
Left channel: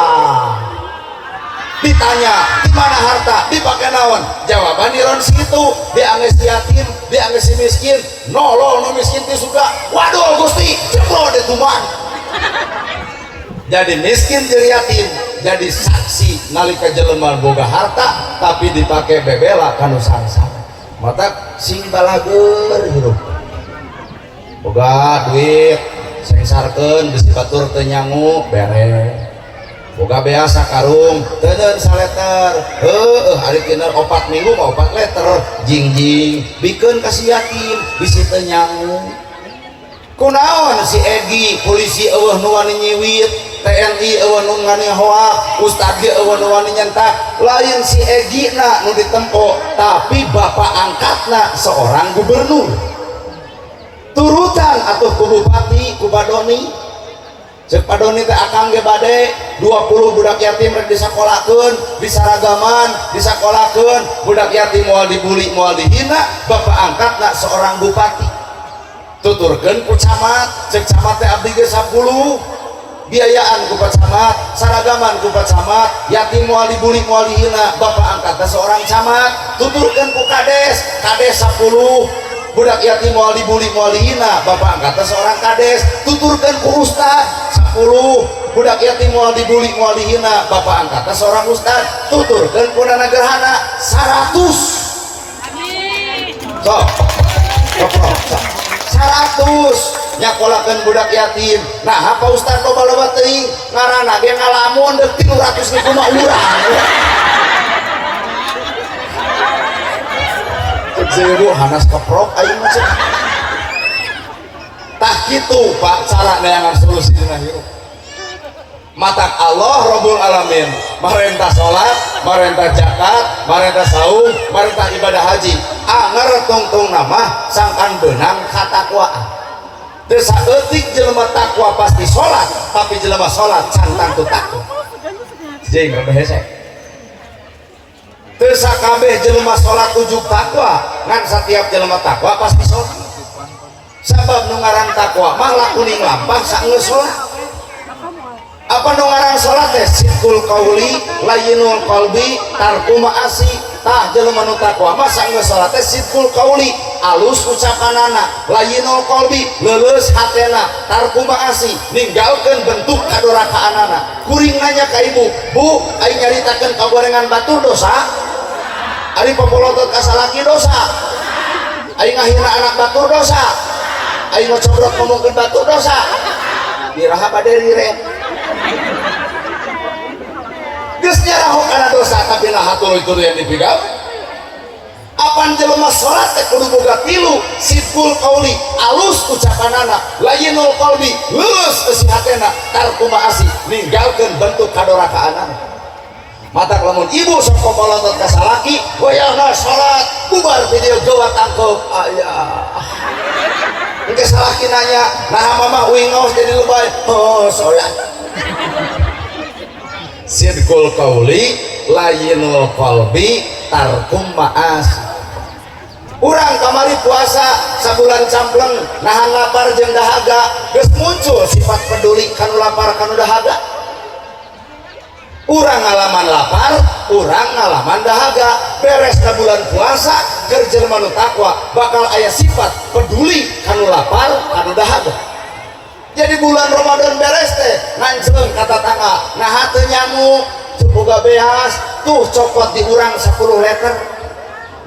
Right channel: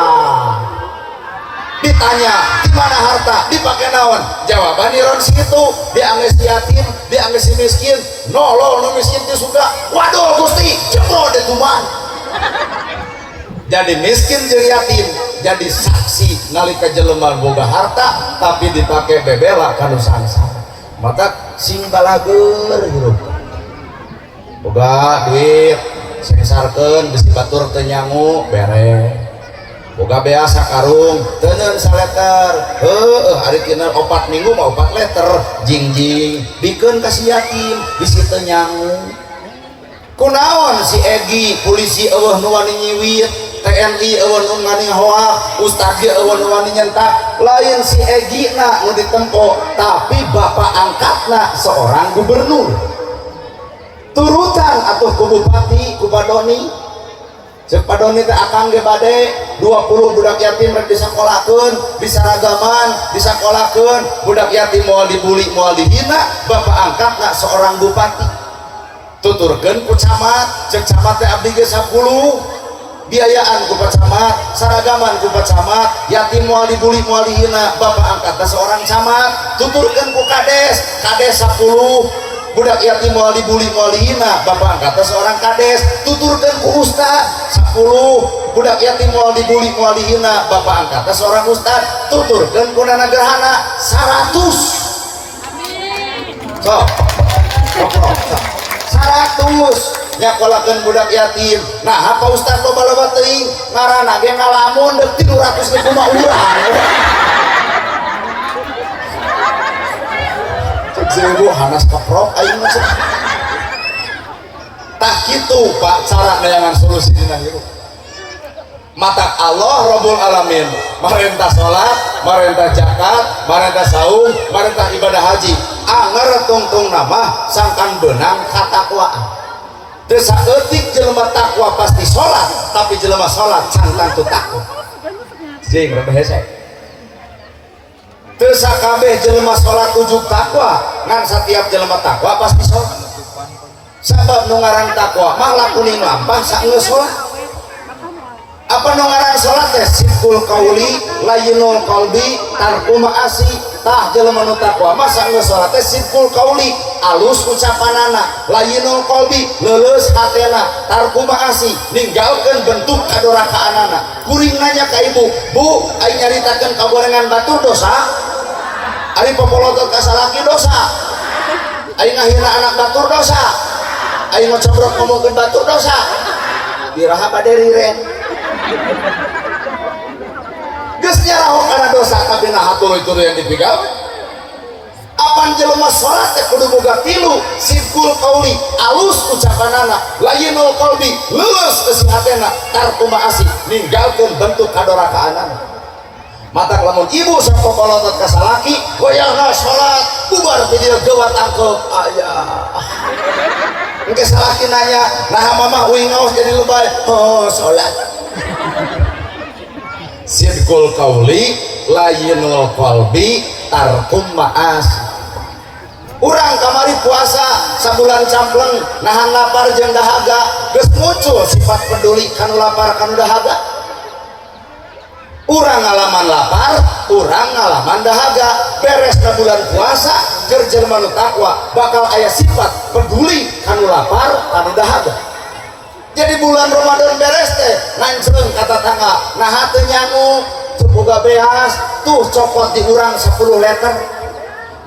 Ditanya di mana harta dipakai naon, jawaban iron situ diangges yatim diangges si miskin nolol no miskin teh suka waduh Gusti jebol deh tuman. Jadi miskin jeung yatim jadi saksi nalika jelema boga harta tapi dipakai bebela kanu sangsara. Mata sing balager hirup boga duit sengsarkeun bisi batur teu nyangu bere. Boga biasa karung teuneun saleter hari kena 4 minggu mau 4 liter jingjing bikeun ka si yatim bisi teu nyangu. Kunaon si Egi polisi eueuh nu wani nyiwit, TNI eueuh nu ngani hoak, ustad ge eueuh nu wani nyentak. Lain si Egi na nu ditempo tapi bapak angkatna seorang gubernur turutan atuh ku bupati ku badoni. Cek padoni teh akang ge bade 20 budak yatim rek disakolahkeun, disaragaman, disakolahkeun, budak yatim moal dibuli, moal dihina, bapak angkatna seorang bupati. Tuturkeun ku camat, cek camat teh abdi ge 10, biayaan ku camat, saragaman ku camat, yatim moal dibuli, moal dihina, bapak angkatna seorang camat. Tuturkeun ku kades, kades 10. Budak yatim moal dibuli moal dihina bapak angkatna seorang kades. Tuturkeun ku ustad 10. Budak yatim moal dibuli moal dihina bapak angkatna seorang ustad. Tuturkeun ku nana gerhana 100. Sok 100 nyakolakeun budak yatim. Nah apa ustad loba-loba teuing ngaranna ge ngalamun deuk 300 ribu mah urang. Zeru hanas keprok aing mah. Tah kitu Pak cara neangan solusi dina hirup. Mata Allah Rabbul Alamin marentah salat, marentah zakat, marentah saum, marentah ibadah haji. Anger tungtung nama sangkan benang katakwaan. Teu saeutik jelema takwa pasti salat, tapi jelema salat sangkan tu takwa. Jeung hese. Teu sakabeh jelema salat ujug takwa, ngan setiap jelema takwa pasti salat. sabab nu ngaran takwa mah lakuning lampah saeus lah. Apa nu ngaran salat teh sidqul qauli layyinul qalbi tarku ma'asi. Tah jelema nu takwa mah saeus salat teh sidqul qauli alus ucapanana, layyinul qalbi leuleus hatena, tarku ma'asi ninggalkeun bentuk kadurakaanana. Kuring nanya ka ibu, "Bu, ai nyaritakeun kagorengan batur dosa? Ari pamolotot ka salaki dosa? Ai ngahina anak batur dosa? Ai ngocombrok ngomongkeun batur dosa?" Biraha bade rireng. Geus nyarahok kana dosa tapi nah tuluy-tuluy yang dipigawe. Apan jelema salat teh kudu boga tilu, sidqul qauli alus ucapanana, layyinul qalbi leuleus eusi hatena, tarku ma'asi ninggalkeun bentuk kadorakaanana. Mata lamun ibu sok popolotot ka salaki, goyahna salat, bubar video geuwat tangkep aya. Engke salaki nanya, "Nah mama uing ngaos jadi lebay?" "Oh, salat." Sidqul qauli layyinul qalbi tarkum ma'as. Urang kamari puasa sabulan campleng nahan lapar jeung dahaga geus muncul sifat peduli kanu lapar kanu dahaga. Urang ngalaman lapar, urang ngalaman dahaga. Beres na bulan puasa keur jelema nu takwa bakal aya sifat peduli kanu lapar kanu dahaga. Jadi bulan Ramadan beres teh nanceung kata tangga nah teu nyangu teu boga beas tuh cokot di urang 10 liter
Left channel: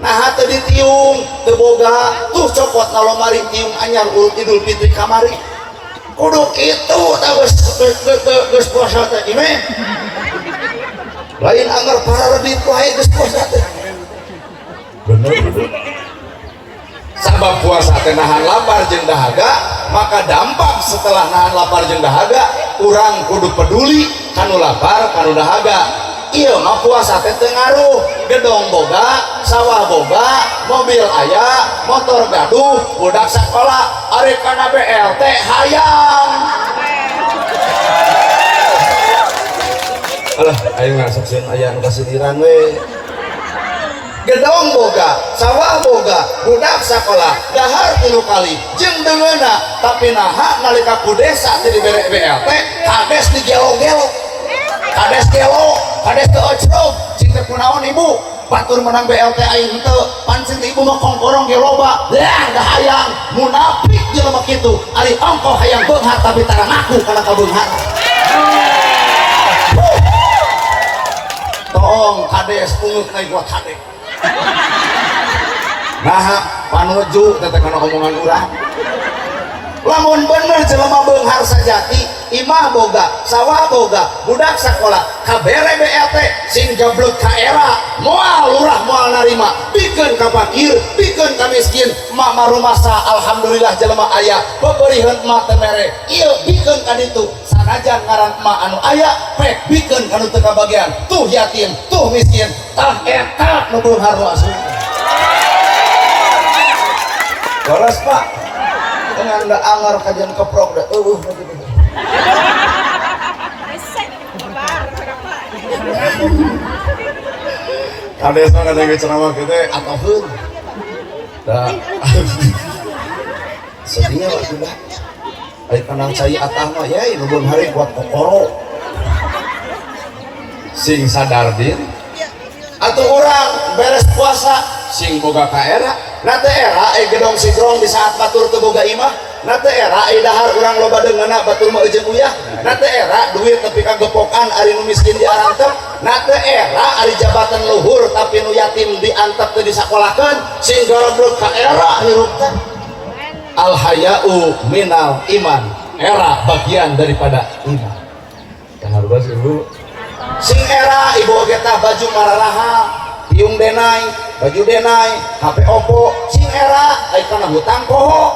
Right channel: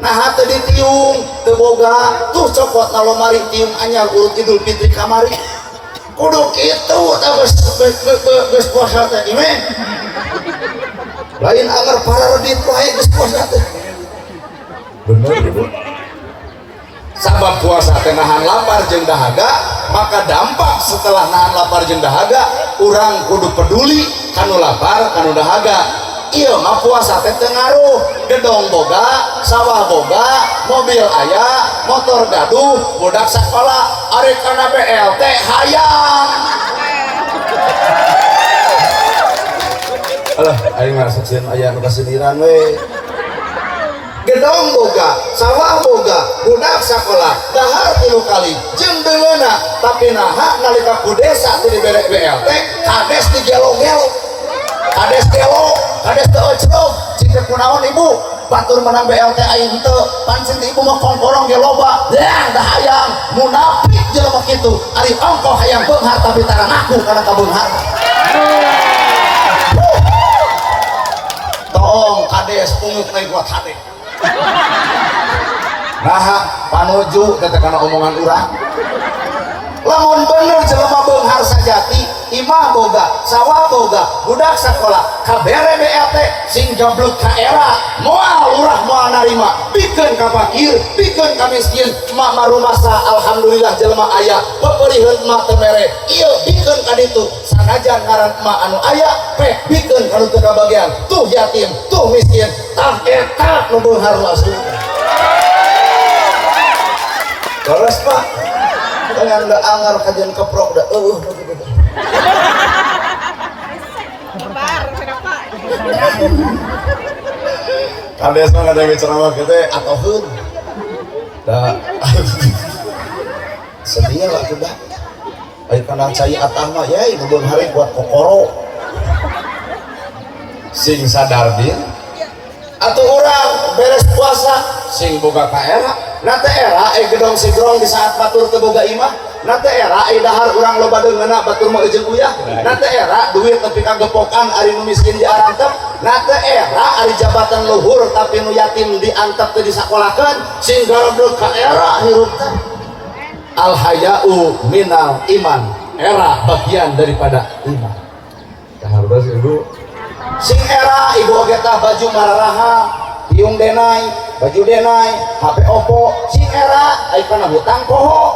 nah teu ditiung teu boga tuh cokot na lomari tiung anyar urut Idul Fitri kamari kudu kitu tah geus puasa teh ieu lain anger pararedit wae geus puasa teh bener. Sabab puasa teh nahan lapar jeung dahaga, maka dampak setelah nahan lapar jeung dahaga urang kudu peduli kanu lapar kanu dahaga. Ieu mah puasa teh teu ngaruh gedong boga, sawah boga, mobil aya, motor gaduh, budak sakola ari kana BLT hayang. Alah aing masuk sieun aya nu kasediran we. Gedong boga, sawah boga, budak sakola, dahar 3 kali, jeung deungeuna, tapi naha nalika ku desa ti dibere BLT, kades di gelo-gelo, kades gelo, kades teu ojrog, cicek kunaon ibu, batur menang BLT aing teu, pancen ibu mah kongkorong ge loba, dah hayang, munafik jelema kitu, ari ongkoh hayang beunghar tapi tara ngaku kana kabeunghar. Tong kades pungut naik buat hati. Nah, panuju teh kana omongan urang. Lamun bener jelema beunghar sajati, imah boga, sawah boga, budak sakola, kabere BLT sing goblok ka era, moal lurah moal narima, pikeun ka fakir, pikeun ka miskin, mak marumasa alhamdulillah jelema aya, pepeuriheun mak teu mere. Ieu pikeun ka ditu, sanajan ngaran mak anu aya, pek pikeun kanu teu kabagian, tuh yatim, tuh miskin, tah eta nu beunghar langsung. Beres Pak. Dengan da anger kajian keprok da kades mah kadang ceramah kita atoheun da sedihnya lah sudah ai kanang cai atah mah yai nu beun hari kuat kokoro sing sadar din atuh urang beres puasa sing boga ka era na teh era gedong sigrong di saat batur teu boga imah na teh era dahar urang loba deungeuna batur mah eujeung uyah na teh era duit nepi ka gepokan ari nu miskin diarantep na teh era ari jabatan luhur tapi nu yatim diantep teu disakolakeun sing goblok ka era hirup teh al haya'u minal iman era bagian daripada iman harus ibu sing era ibu oge tah baju mararaha tiung denai, baju denai, HP Oppo, sing era, ai kana hutang poho.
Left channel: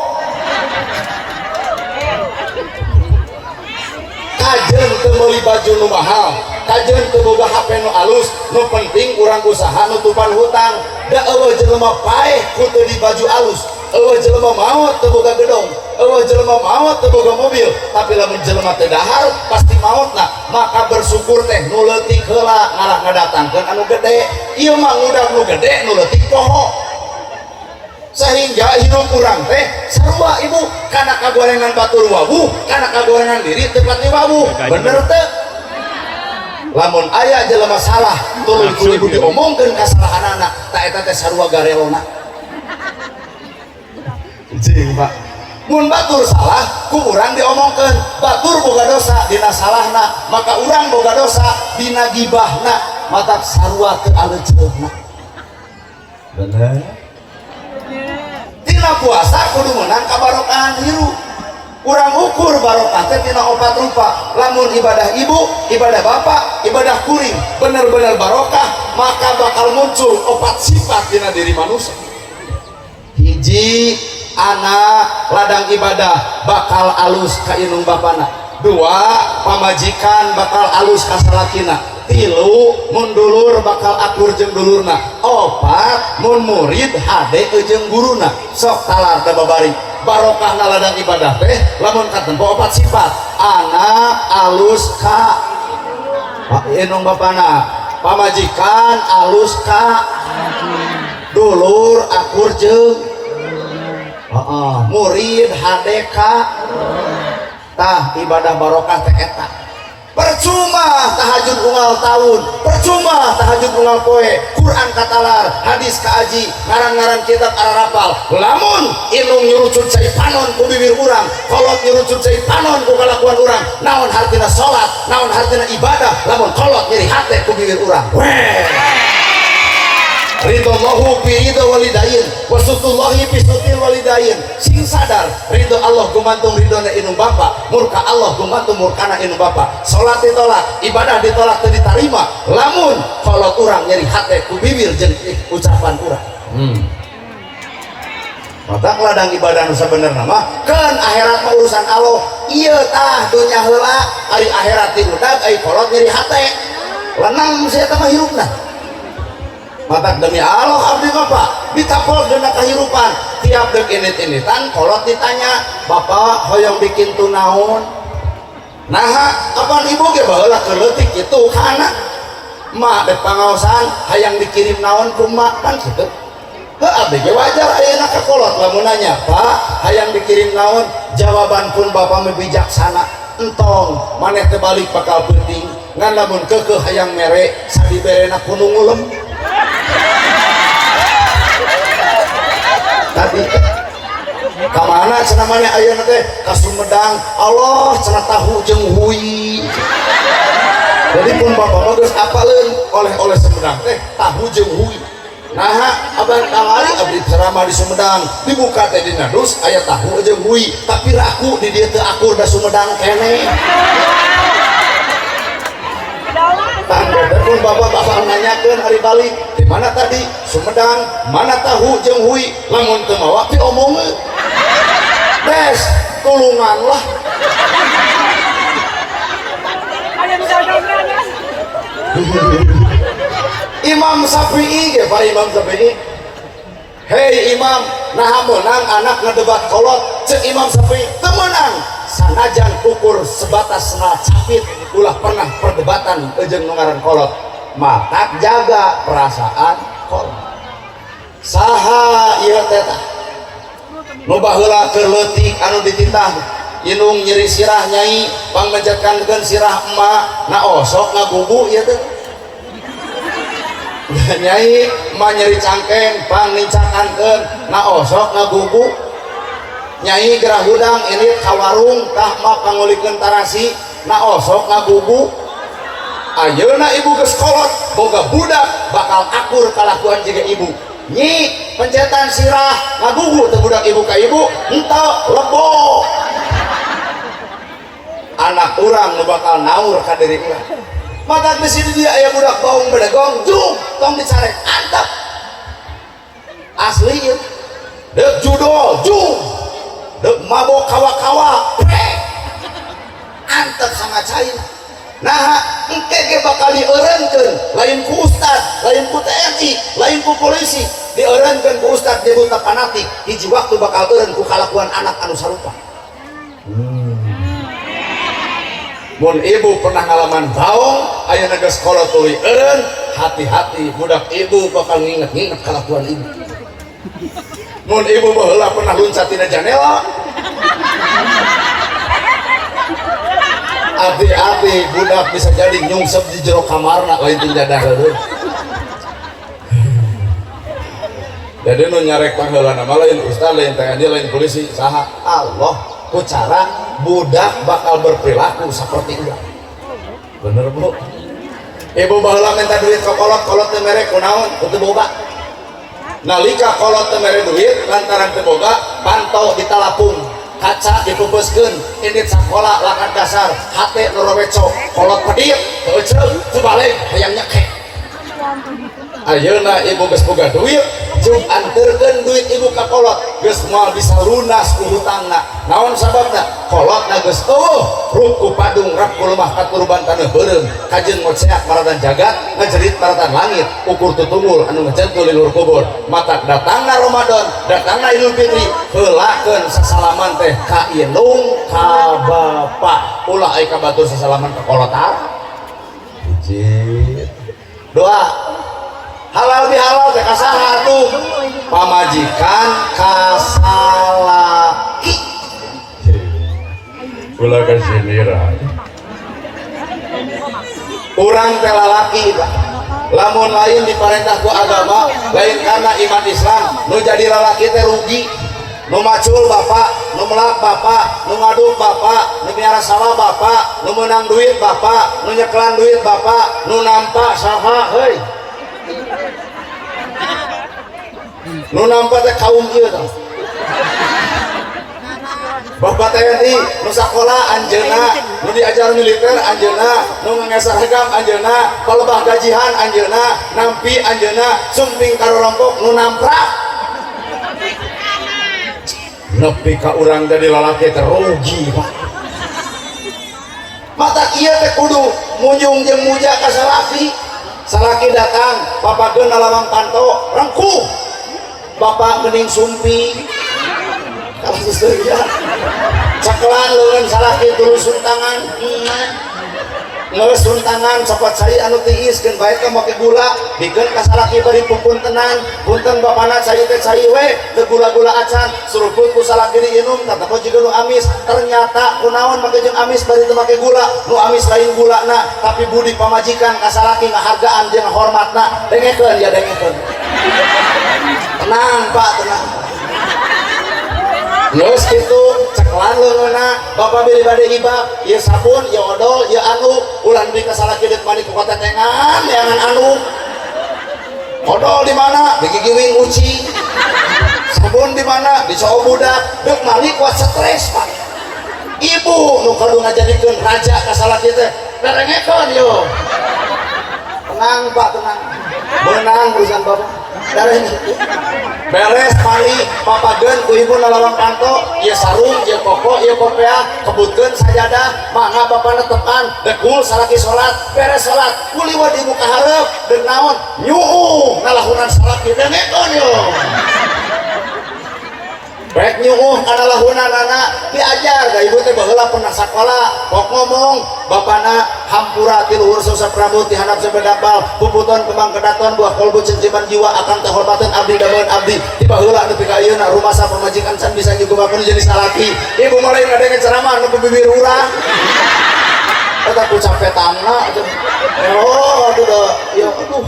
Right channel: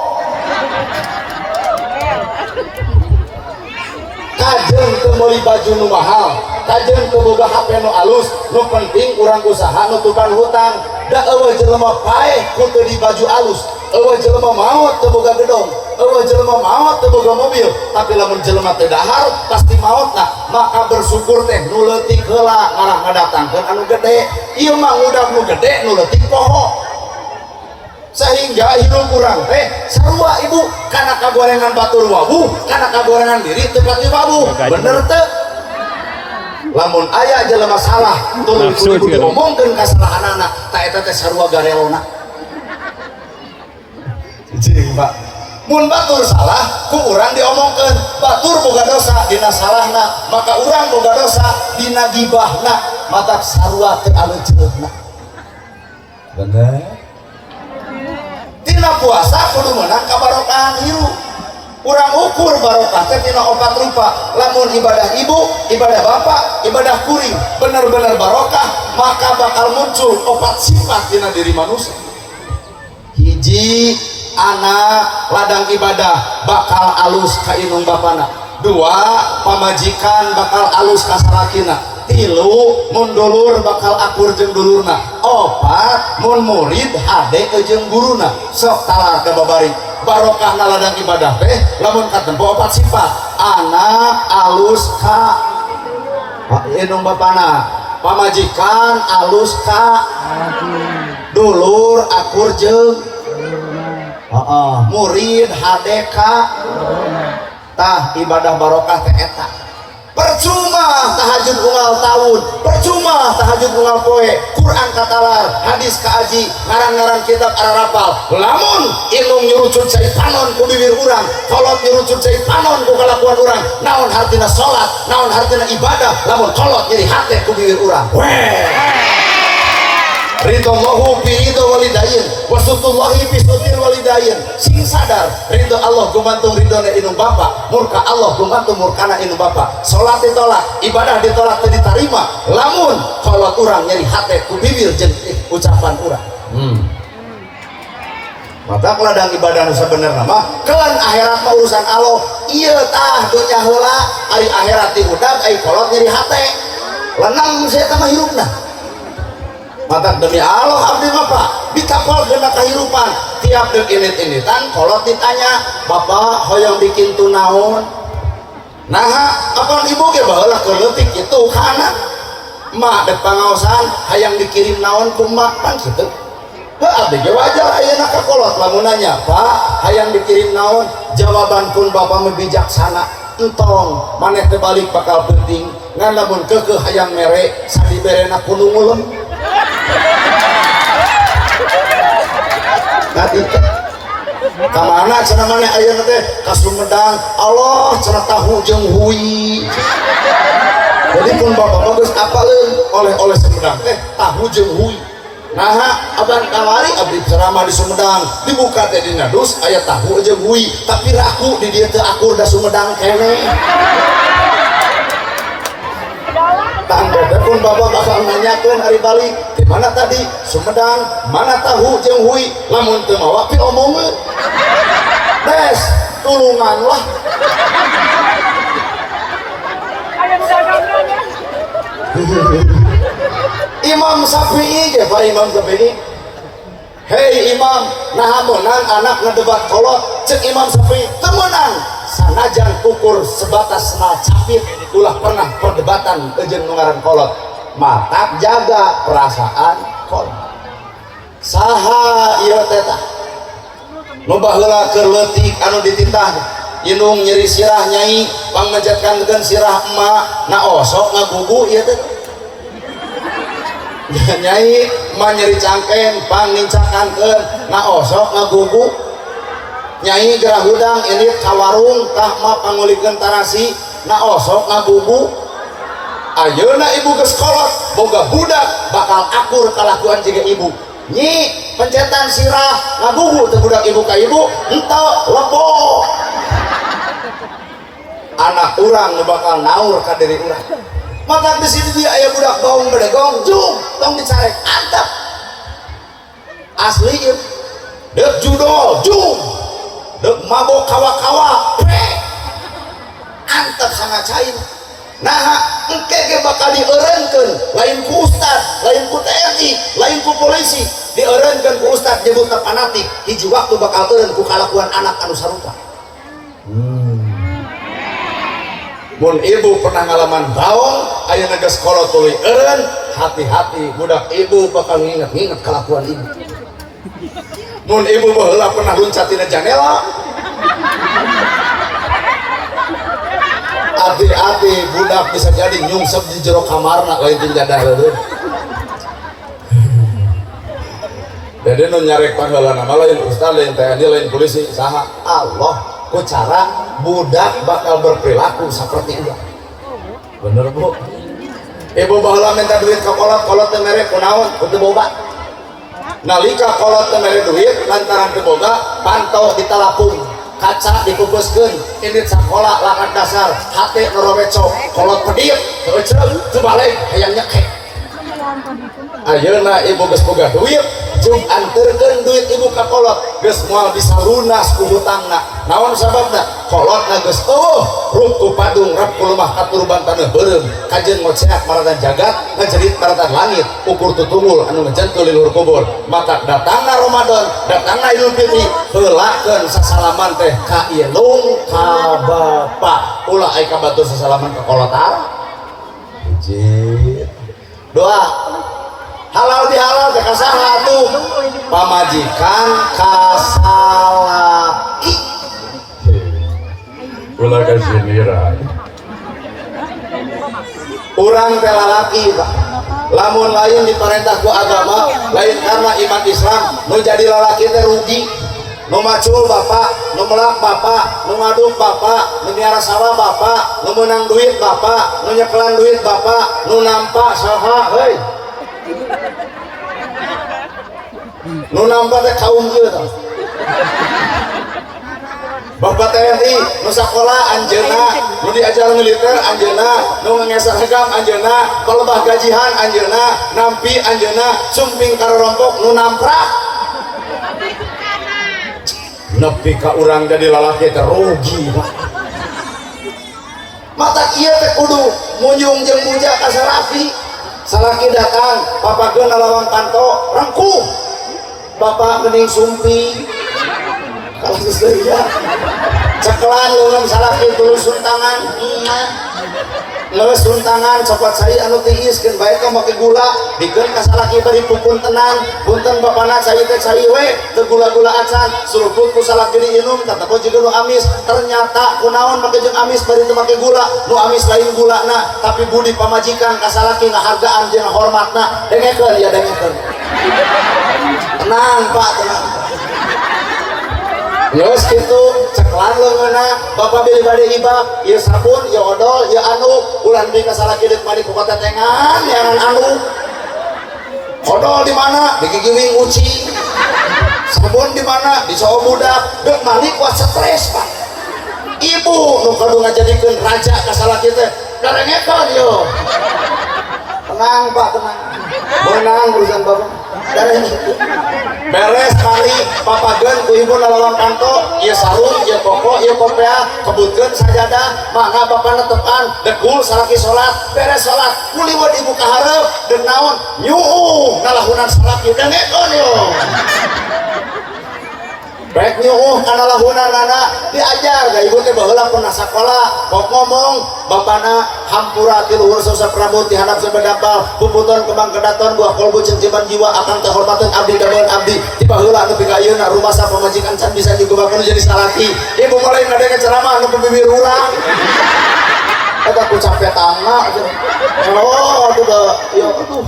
Kajeun teu meuli baju nu mahal, kajeun teu boga HP nu alus, nu penting urang usaha nutupan hutang. Da eueuh jelema paeh ku teu di baju alus, eueuh jelema maot teu boga gedong, eueuh jelema maot teu boga mobil, tapi lamun jelema teu dahar pasti maotna, maka bersyukur teh nu leutik heula ngarah ngadatangkeun anu gede. Ieu mah udah nu gede nu leutik poho. sehingga hidup kurang teh sarua ibu karena kagorengan batur wabu karena kagorengan diri tepat di wabu bener teh lamun aya jelema salah tuluy kudu diomongkeun kasalahan anak tak eta teh sarua garelona cing Pak mun batur salah ku urang diomongkeun batur boga dosa dina salahna maka urang boga dosa dina gibahna matak sarua teu aleuceuna bener tina puasa kudu menang kabarokahan hirup urang ukur barokah teh tina opat rupa lamun ibadah ibu ibadah bapak ibadah kuring bener-bener barokah maka bakal muncul opat sifat tina diri manusia hiji anak ladang ibadah bakal alus ka inung bapana dua pamajikan bakal alus ka salakina tilu mun dulur bakal akur jeung dulurna opat mun murid hade jeung guruna sok talar teh babari barokahna ladang ibadah teh lamun katempo opat sifat anak alus ka inung bapana pamajikan alus ka dulur akur jeung murid hade ka tah ibadah barokah teh eta percuma tahajud unggal tahun percuma tahajud unggal poe Quran katalar hadis kaaji ngaran-ngaran kitab ararapal lamun ilmu nyurucut cai panon ku bibir urang kolot nyurucut cai panon ku kalakuan urang naon hartina salat naon hartina ibadah lamun kolot nyeri hate ku bibir urang ridho Allahu bi ridho walidain wasutullahi bi sutil walidain sing sadar ridho Allah gumantung ridhona inung bapa murka Allah gumantung murkana inung bapa salat ditolak ibadah ditolak teu ditarima lamun kolot urang nyeri hate ku bibir jeung ucapan urang mata ladang ibadah nu sabenerna mah keun akhirat mah urusan Allah ieu tah dunya heula ari akhirat di udag ai kolot nyeri hate lenang saya teh mah hirupna mata demi Allah abdi bapak ditapol dina kahirupan tiap deuk init-initan kolot ditanya bapak hoyong bikin tu naon nah apa ibu ge baheula keleutik kitu kana mak dek pangaosan hayang dikirim naon ku mak kan kitu abdi ge wajar ayeuna ka kolot lamun nanya pak hayang dikirim naon jawaban pun bapak bijaksana entong maneh teh balik bakal penting ngan lamun keukeuh hayang mere sadiberena kudu ngulem tadi kamana cenah maneh ayeuna teh ka Sumedang Allah cenah tahu jeung hui jadi pun bapak geus apaleun oleh-oleh Sumedang teh tahu jeung hui nah abang kawali abdi ceramah di Sumedang dibuka teh dina dus aya tahu jeung hui tapi raku di dieu teu akur da Sumedang keneh tanda pun bapak bakal nanyakeun hari balik di mana tadi Sumedang mana tahu jeung hui lamun teu mawa pi omongeun bees tulungan lah Imam Syafi'i ge Pak Imam Syafi'i hei imam naha meunang anak ngedebat kolot ceuk Imam Syafi'i teu meunang sanajan ukur sebatas senal capit ulah pernah perdebatan jeung mengaran kolot matak jaga perasaan kolot saha ieu teh tah nu baheula keur leutik anu dititah inung nyeri sirah nyai pangmenjatkankeun sirah emak na osok ngagugu ieu teh nyai emak nyeri cangkeng pangnincakankeun na osok ngagugu nyai gerah hudang ini kawarung tah mah pangulikeun tarasi na osok ngagugu ayeuna ibu geus kolot boga budak bakal akur kalakuan jiga ibu nyi pencetan sirah ngagugu teh budak ibu ka ibu henteu lebo anak urang nu bakal naur ka diri urang maka di situ dia aya budak baung bedegong jung tong dicarek antep asli deuk judo jung deuk mabok kawa-kawa antep sangat cair nah engke ge bakal dieureunkeun lain ku ustad lain ku TNI lain ku polisi dieureunkeun ku ustad jeung buta fanatik hiji waktu bakal eureun ku kalakuan anak anu sarupa mun ibu pernah ngalaman baong ayeuna geus kolot tuluy eureun hati-hati budak ibu bakal nginget-nginget kalakuan ibu mun ibu baheula pernah loncat tina jendela. Hati-hati budak bisa jadi nyungsep di jero kamarna lain teu jadah heureun. Jadi nu nyarek pangheula nama lain ustaz lain TNI lain polisi saha Allah ku cara budak bakal berperilaku seperti ulah. Bener Bu. Ibu baheula minta duit ka kolot teu mere kunaon kudu boba. Nalika kolot teu mere duit lantaran teu boga pantau ditalapung. Kaca dipupuskeun ini sekolah lakat dasar hate noroweco kolot pedieu teu ceuk teu balik hayang nyekek. Ayeuna ibu geus boga duit jeung anterkeun duit ibu ka kolot geus moal bisa lunas ku hutangna. Naon sababna? Kolotna geus ruku padung rek kulumah katur bantaneuh beureum kajeun ngoceak maratan jagat ngajerit maratan langit ukur tutunggul anu ngejantul lilur kubur. Matak datangna Ramadan datangna Idul Fitri heulakeun sasalaman teh ka indung ka bapa ulah aya ka batur sasalaman ka kolot hiji doa halal bihalal teh kasaha atuh pamajikan kasalaki ulah kasinira urang teh lalaki lamun lain diparentah ku agama lain karena iman Islam nu jadi lalaki teh rugi nu macul bapak nu melak bapak nu ngaduk bapak nu miara sawah bapak nu menang duit bapak nu nyekelan duit bapak nu nampak saha heuy nu nampak teh kaum ieu tah bapak TNI nu sakola anjeunna nu diajar militer anjeunna nu ngesahegang anjeunna kalebah gajihan anjeunna nampi anjeunna sumping karorompok nu namprak nepi ka urang jadi lalaki teh rugi mata ieu teh kudu mujung jeung muja ka salaki salaki datang papageun alaman panto rengkuh bapak geuning sumpi kalau sesuai cekelan leun salaki tuluy suntangan leus suntangan cepat cari anu tiiskeun bae ka make gula dikeun ka salaki bari punten punten bapana cai teh cai we teu gula-gula acan suruput ku salaki diinum tatapo jiga nu amis ternyata kunaon make jeung amis bari teu make gula nu amis lain gulana tapi budi pamajikan ka salaki ngahargaan jeung hormatna dengekeun ya dengekeun tenang Pak tenang Yos gitu ceklan leungeuna bapak beli bade ibab ieu sabun ieu odol ieu anu ulah beli ka salaki deuk mari ku katetengan neangan anu odol di mana di gigiwing uci sabun di mana di cowok budak deuk mari kuat stres Pak ibu nu kudu ngajadikeun raja ka salaki teh darengekeun yo tenang Pak tenang beunang urusan bapak beres mari papageun ku ibu nalawan kanto ieu sarung ieu koko ieu popea kebutkeun sajadah mangga bapana tepan dekul salaki salat beres salat kuliwat ibu ka hareup deuk naon nyuuh nalahunan salaki dengekeun yo rek nyuuh kana lahunanana diajar da ibu teh baheula pernah sakola kok ngomong bapana hampura ti luhur Sosok Prabu ti handap sabadampal puputon kembang kedaton buah kolbu cenciban jiwa akan kehormatan abdi dameun abdi ti baheula anu pika ayeuna rumasa pamajikan can bisa digebakeun jadi salaki ibu mulai ngadenge ceramah anu bibir urang eta ku capek tangna oh aduh ieu aduh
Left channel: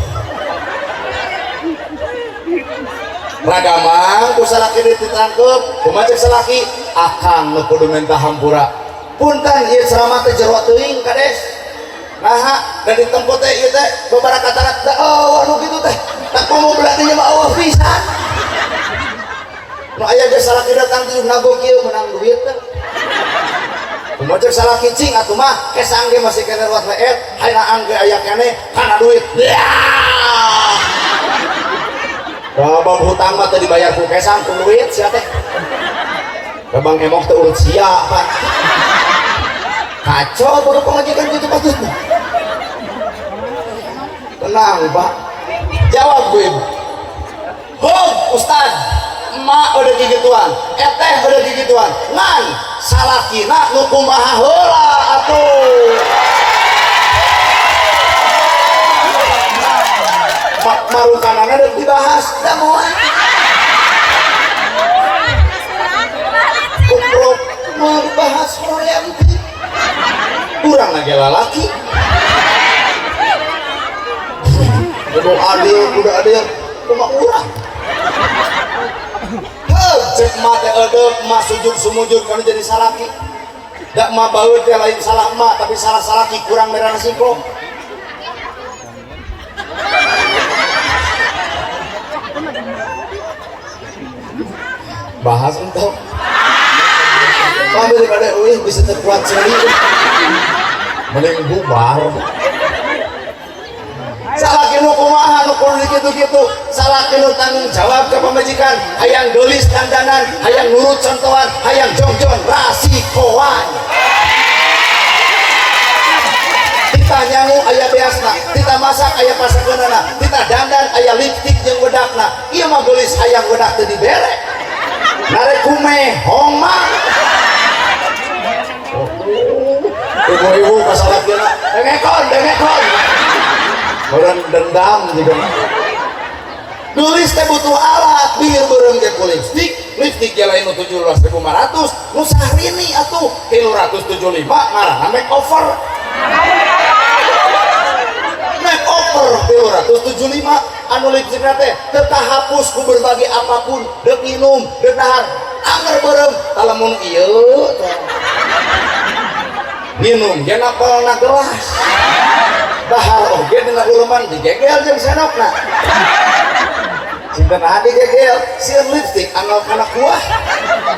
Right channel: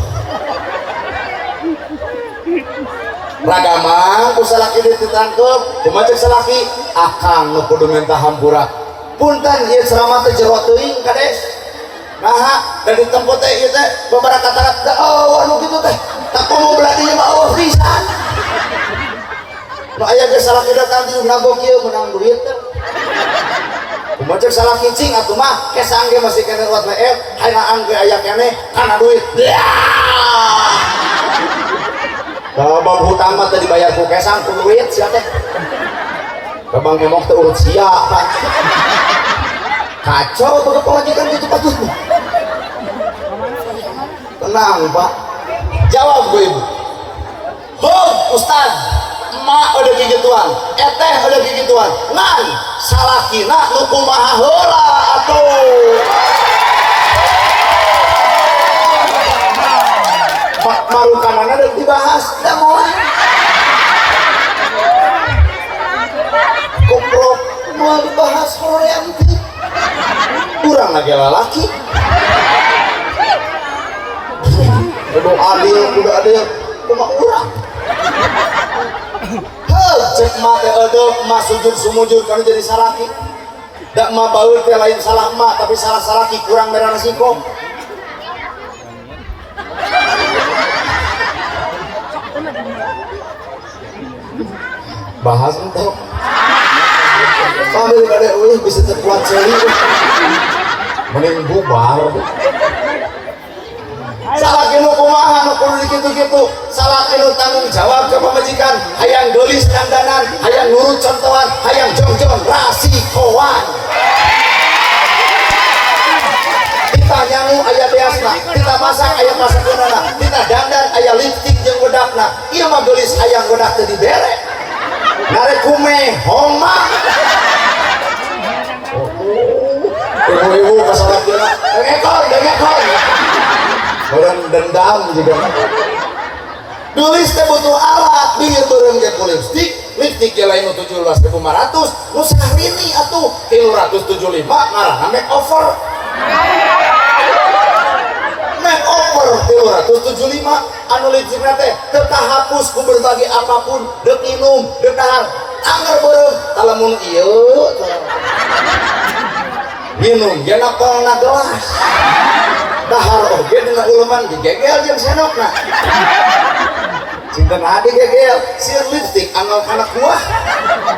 ragamang ku salaki ditangkep kumaha salaki akang nu kudu minta hampura punten ieu ceramah teh jero teuing kades nah dan ditempo teh ieu teh babaraha katarak oh anu kitu teh tak mau beladi mah eueuh pisan nu aya ge salaki datang teh ngagok ieu menang duit teh kumaha salaki cing atuh mah kesang ge masih kene ruat leet hayangan ge aya kene kana duit Babang hutang mah teh dibayar ku kesang ku duit sia teh. Babang emok teh urut sia Pak. Kacau baru pemajikan itu patut. Tenang Pak. Jawab gue Ibu. Hom Ustaz, emak udah gigituan, eteh udah gigituan. Ngan salakina nu kumaha heula atuh. Marukanana udah dibahas, udah mulai ge lalaki. Udah ada yang kumaha urang. Heuh, cek mah teh eudeuh mah sujud sumujud kana jadi salaki. Da mah baeur teh lain salah mah tapi salah salaki kurang merana singkong. Bahas untuk sambil pada bisa terkuat seri mending bubar salah kinu kumaha nu kudu gitu-gitu salah kinu tanggung jawab ke pemajikan hayang gelis dandanan hayang nurut contohan hayang jongjon rasikoan kita nyangu aya beasna kita masak aya pasakeunana kita dandan aya lipstik jeung wedakna ieu mah gelis hayang wedak teu dibere narek kume homa ibu-ibu kesalah kira dengekon orang dendam juga nulis teh butuh alat biar bareng ke lipstik ya lain 17.500 nu sahrini atuh 375 ngaranna makeover 375 anu lipstikna teh teu kahapus ku berbagai apapun deuk minum deuk dahar anger bareng talamun ieu minum ge napalna gelas dahar oge dina uleuman digegel jeung senokna cinten hadi gegel sieun lipstik anggal kana kuah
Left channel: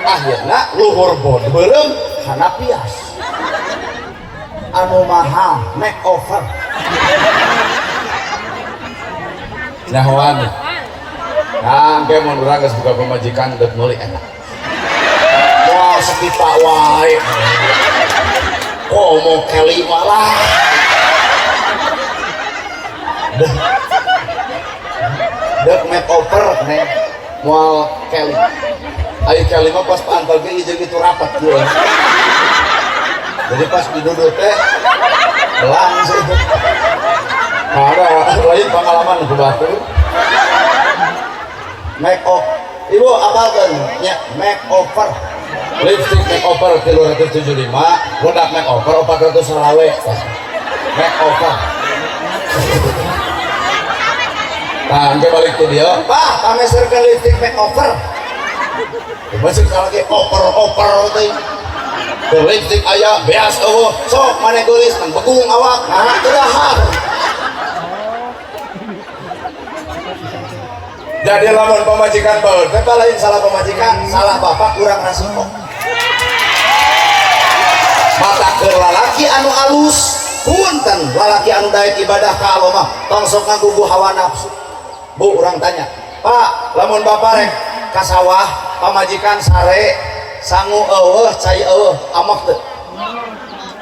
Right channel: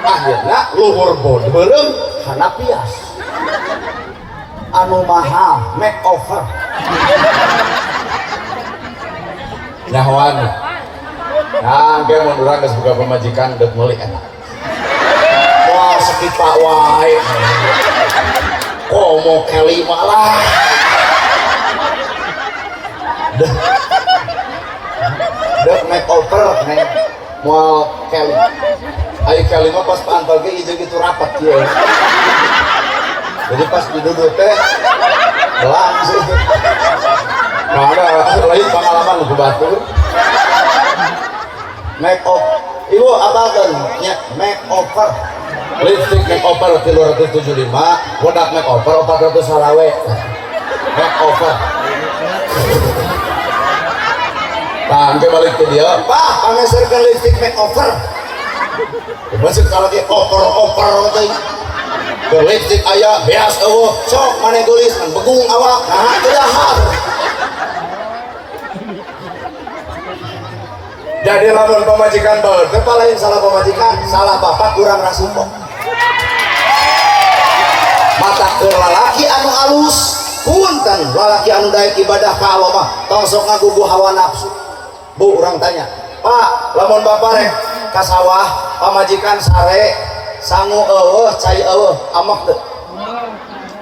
akhirna luhur bod beureum hana pias anu mahal makeover nah wangi nah ge mun urang geus buka pamajikan deuk meuli eta wah sekipa wae komo keli malah dek makeover nih mau keli ayo keli mah pas pantal ge ieu gitu rapat kieu jadi pas duduk teh langsung ada lain pengalaman ku batu makeover ibu apa kan nya makeover lipstick makeover 375 budak makeover 400 salawe makeover Pak, balik ke dia. Pak, pameserkan lipstick makeover. Masih kalau dia oper teh. Lipstick aya beas eueuh. Sok mane geulis mun begung awak. Nah, teu dahar. Jadi lamun pamajikan bae, teu lain salah pamajikan, salah bapak kurang nasibok. Mata keur lalaki anu alus, punten lalaki anu daek ibadah ka Allah mah tong sok ngagugu hawa nafsu. Bu, orang tanya, Pak, lamun bapak rek ka sawah, pamajikan sare, sangu eueuh, cai eueuh, amak teu?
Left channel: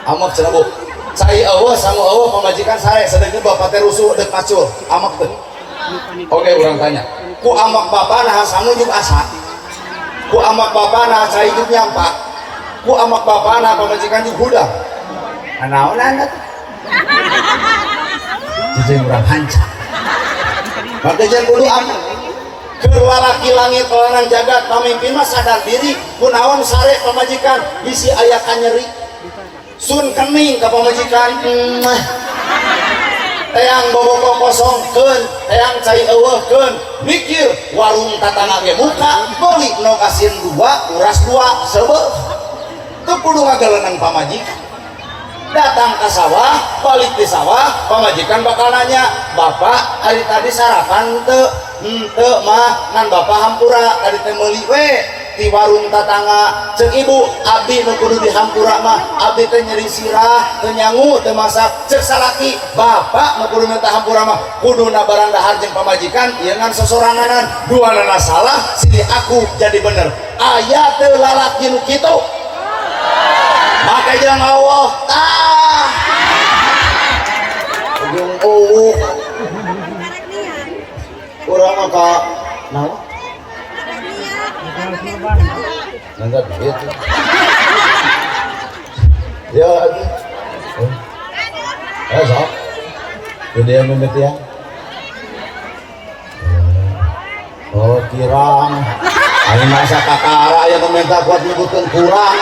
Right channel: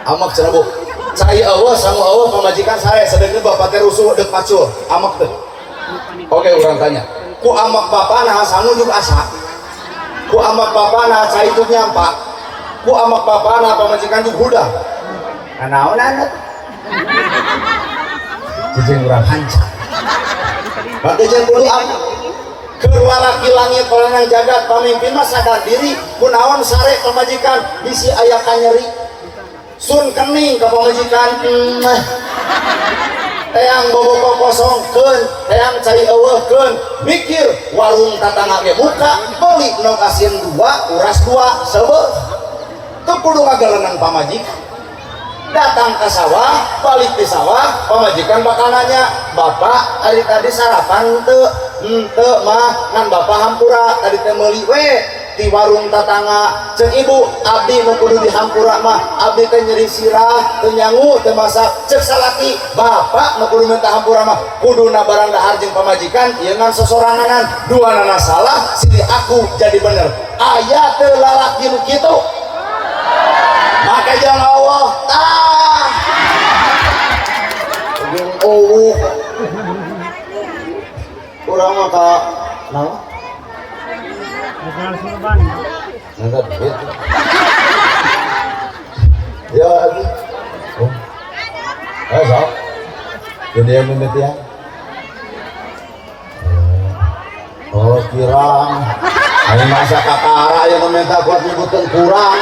Amak cenah Bu. Cai eueuh, sangu eueuh, pamajikan sare, sedengkeun bapak teh rusuh deuk macul, amak teu? Oke, orang tanya, ku amak bapak nah sangu juga asa? Ku amak bapak nah cai itu nyampak? Ku amak bapak nah pamajikan juga hudang? Naon anda? Jadi orang hancur. Makanya kudu amat lalaki langit orang jagat pamimpin mah sadar diri kunaon sare pamajikan bisi aya kanyeri sun kening ka pamajikan teang bobogo kosongkeun teang cai eueuhkeun mikir warung tatangga ge buka beuli nu kasieun 2 uras 2 sebeuh teu kudu ngagaleunang pamajikan datang ke sawah, balik di sawah, pemajikan bakal nanya, Bapak hari tadi sarapan teu? Teu mah, ngan Bapak hampura tadi teh meuli we di warung tetangga. Cek ibu, abdi nu kudu di hampura mah, abdi teh nyeri sirah, teu nyangu, teu masak. Cek salaki, Bapak nu kudu minta hampura mah, kudu na barang dahar jeung pamajikan, ieu ngan sosoranganan, duanana salah, silih aku jadi bener. Aya teu lalaki nu kitu. Maka jangan Allah kurang maka nah enggak begitu ya lagi sok jadi yang mimit ya oh kirang ini masa kakara yang meminta buat nyebutkan kurang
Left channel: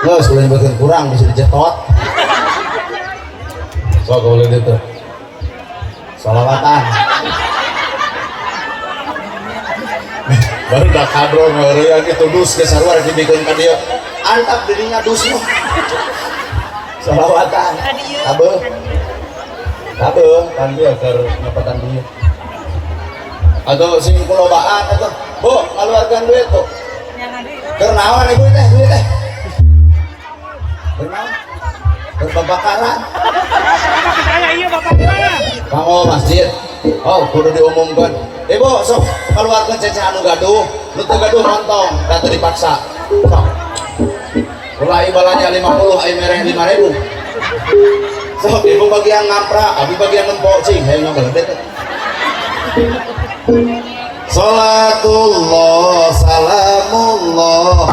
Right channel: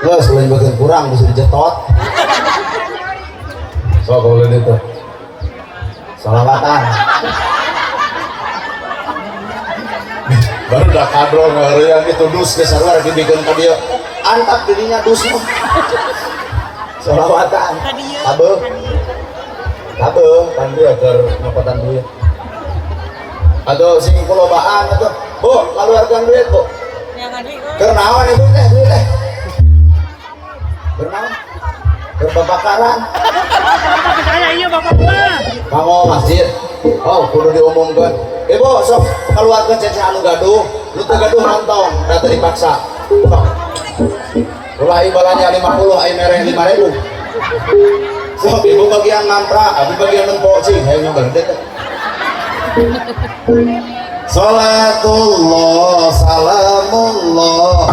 nggak selain bagian kurang bisa dijetot. So kalau itu salawatan. Baru dah kadro yang itu dus ke sarua dibikin ke dia. Antap dirinya dus. Salawatan. Kabeh kan dia ke ngapatan dia. Atau sing kulobaan atau keluarkan duit tuh. Kenaon ibu teh duit teh. Kenaon? Berbakaran. Kamu masjid. Oh, kudu diumumkan. Ibu sok keluarkan cece anu gaduh. Lu teu gaduh nonton, da teu dipaksa. Sok. Ulah ibalanya 50, ai mereh 5.000. Sok ibu bagian ngampra, abi bagian nempok cing, hayang ngeudet. Salatullah salamullah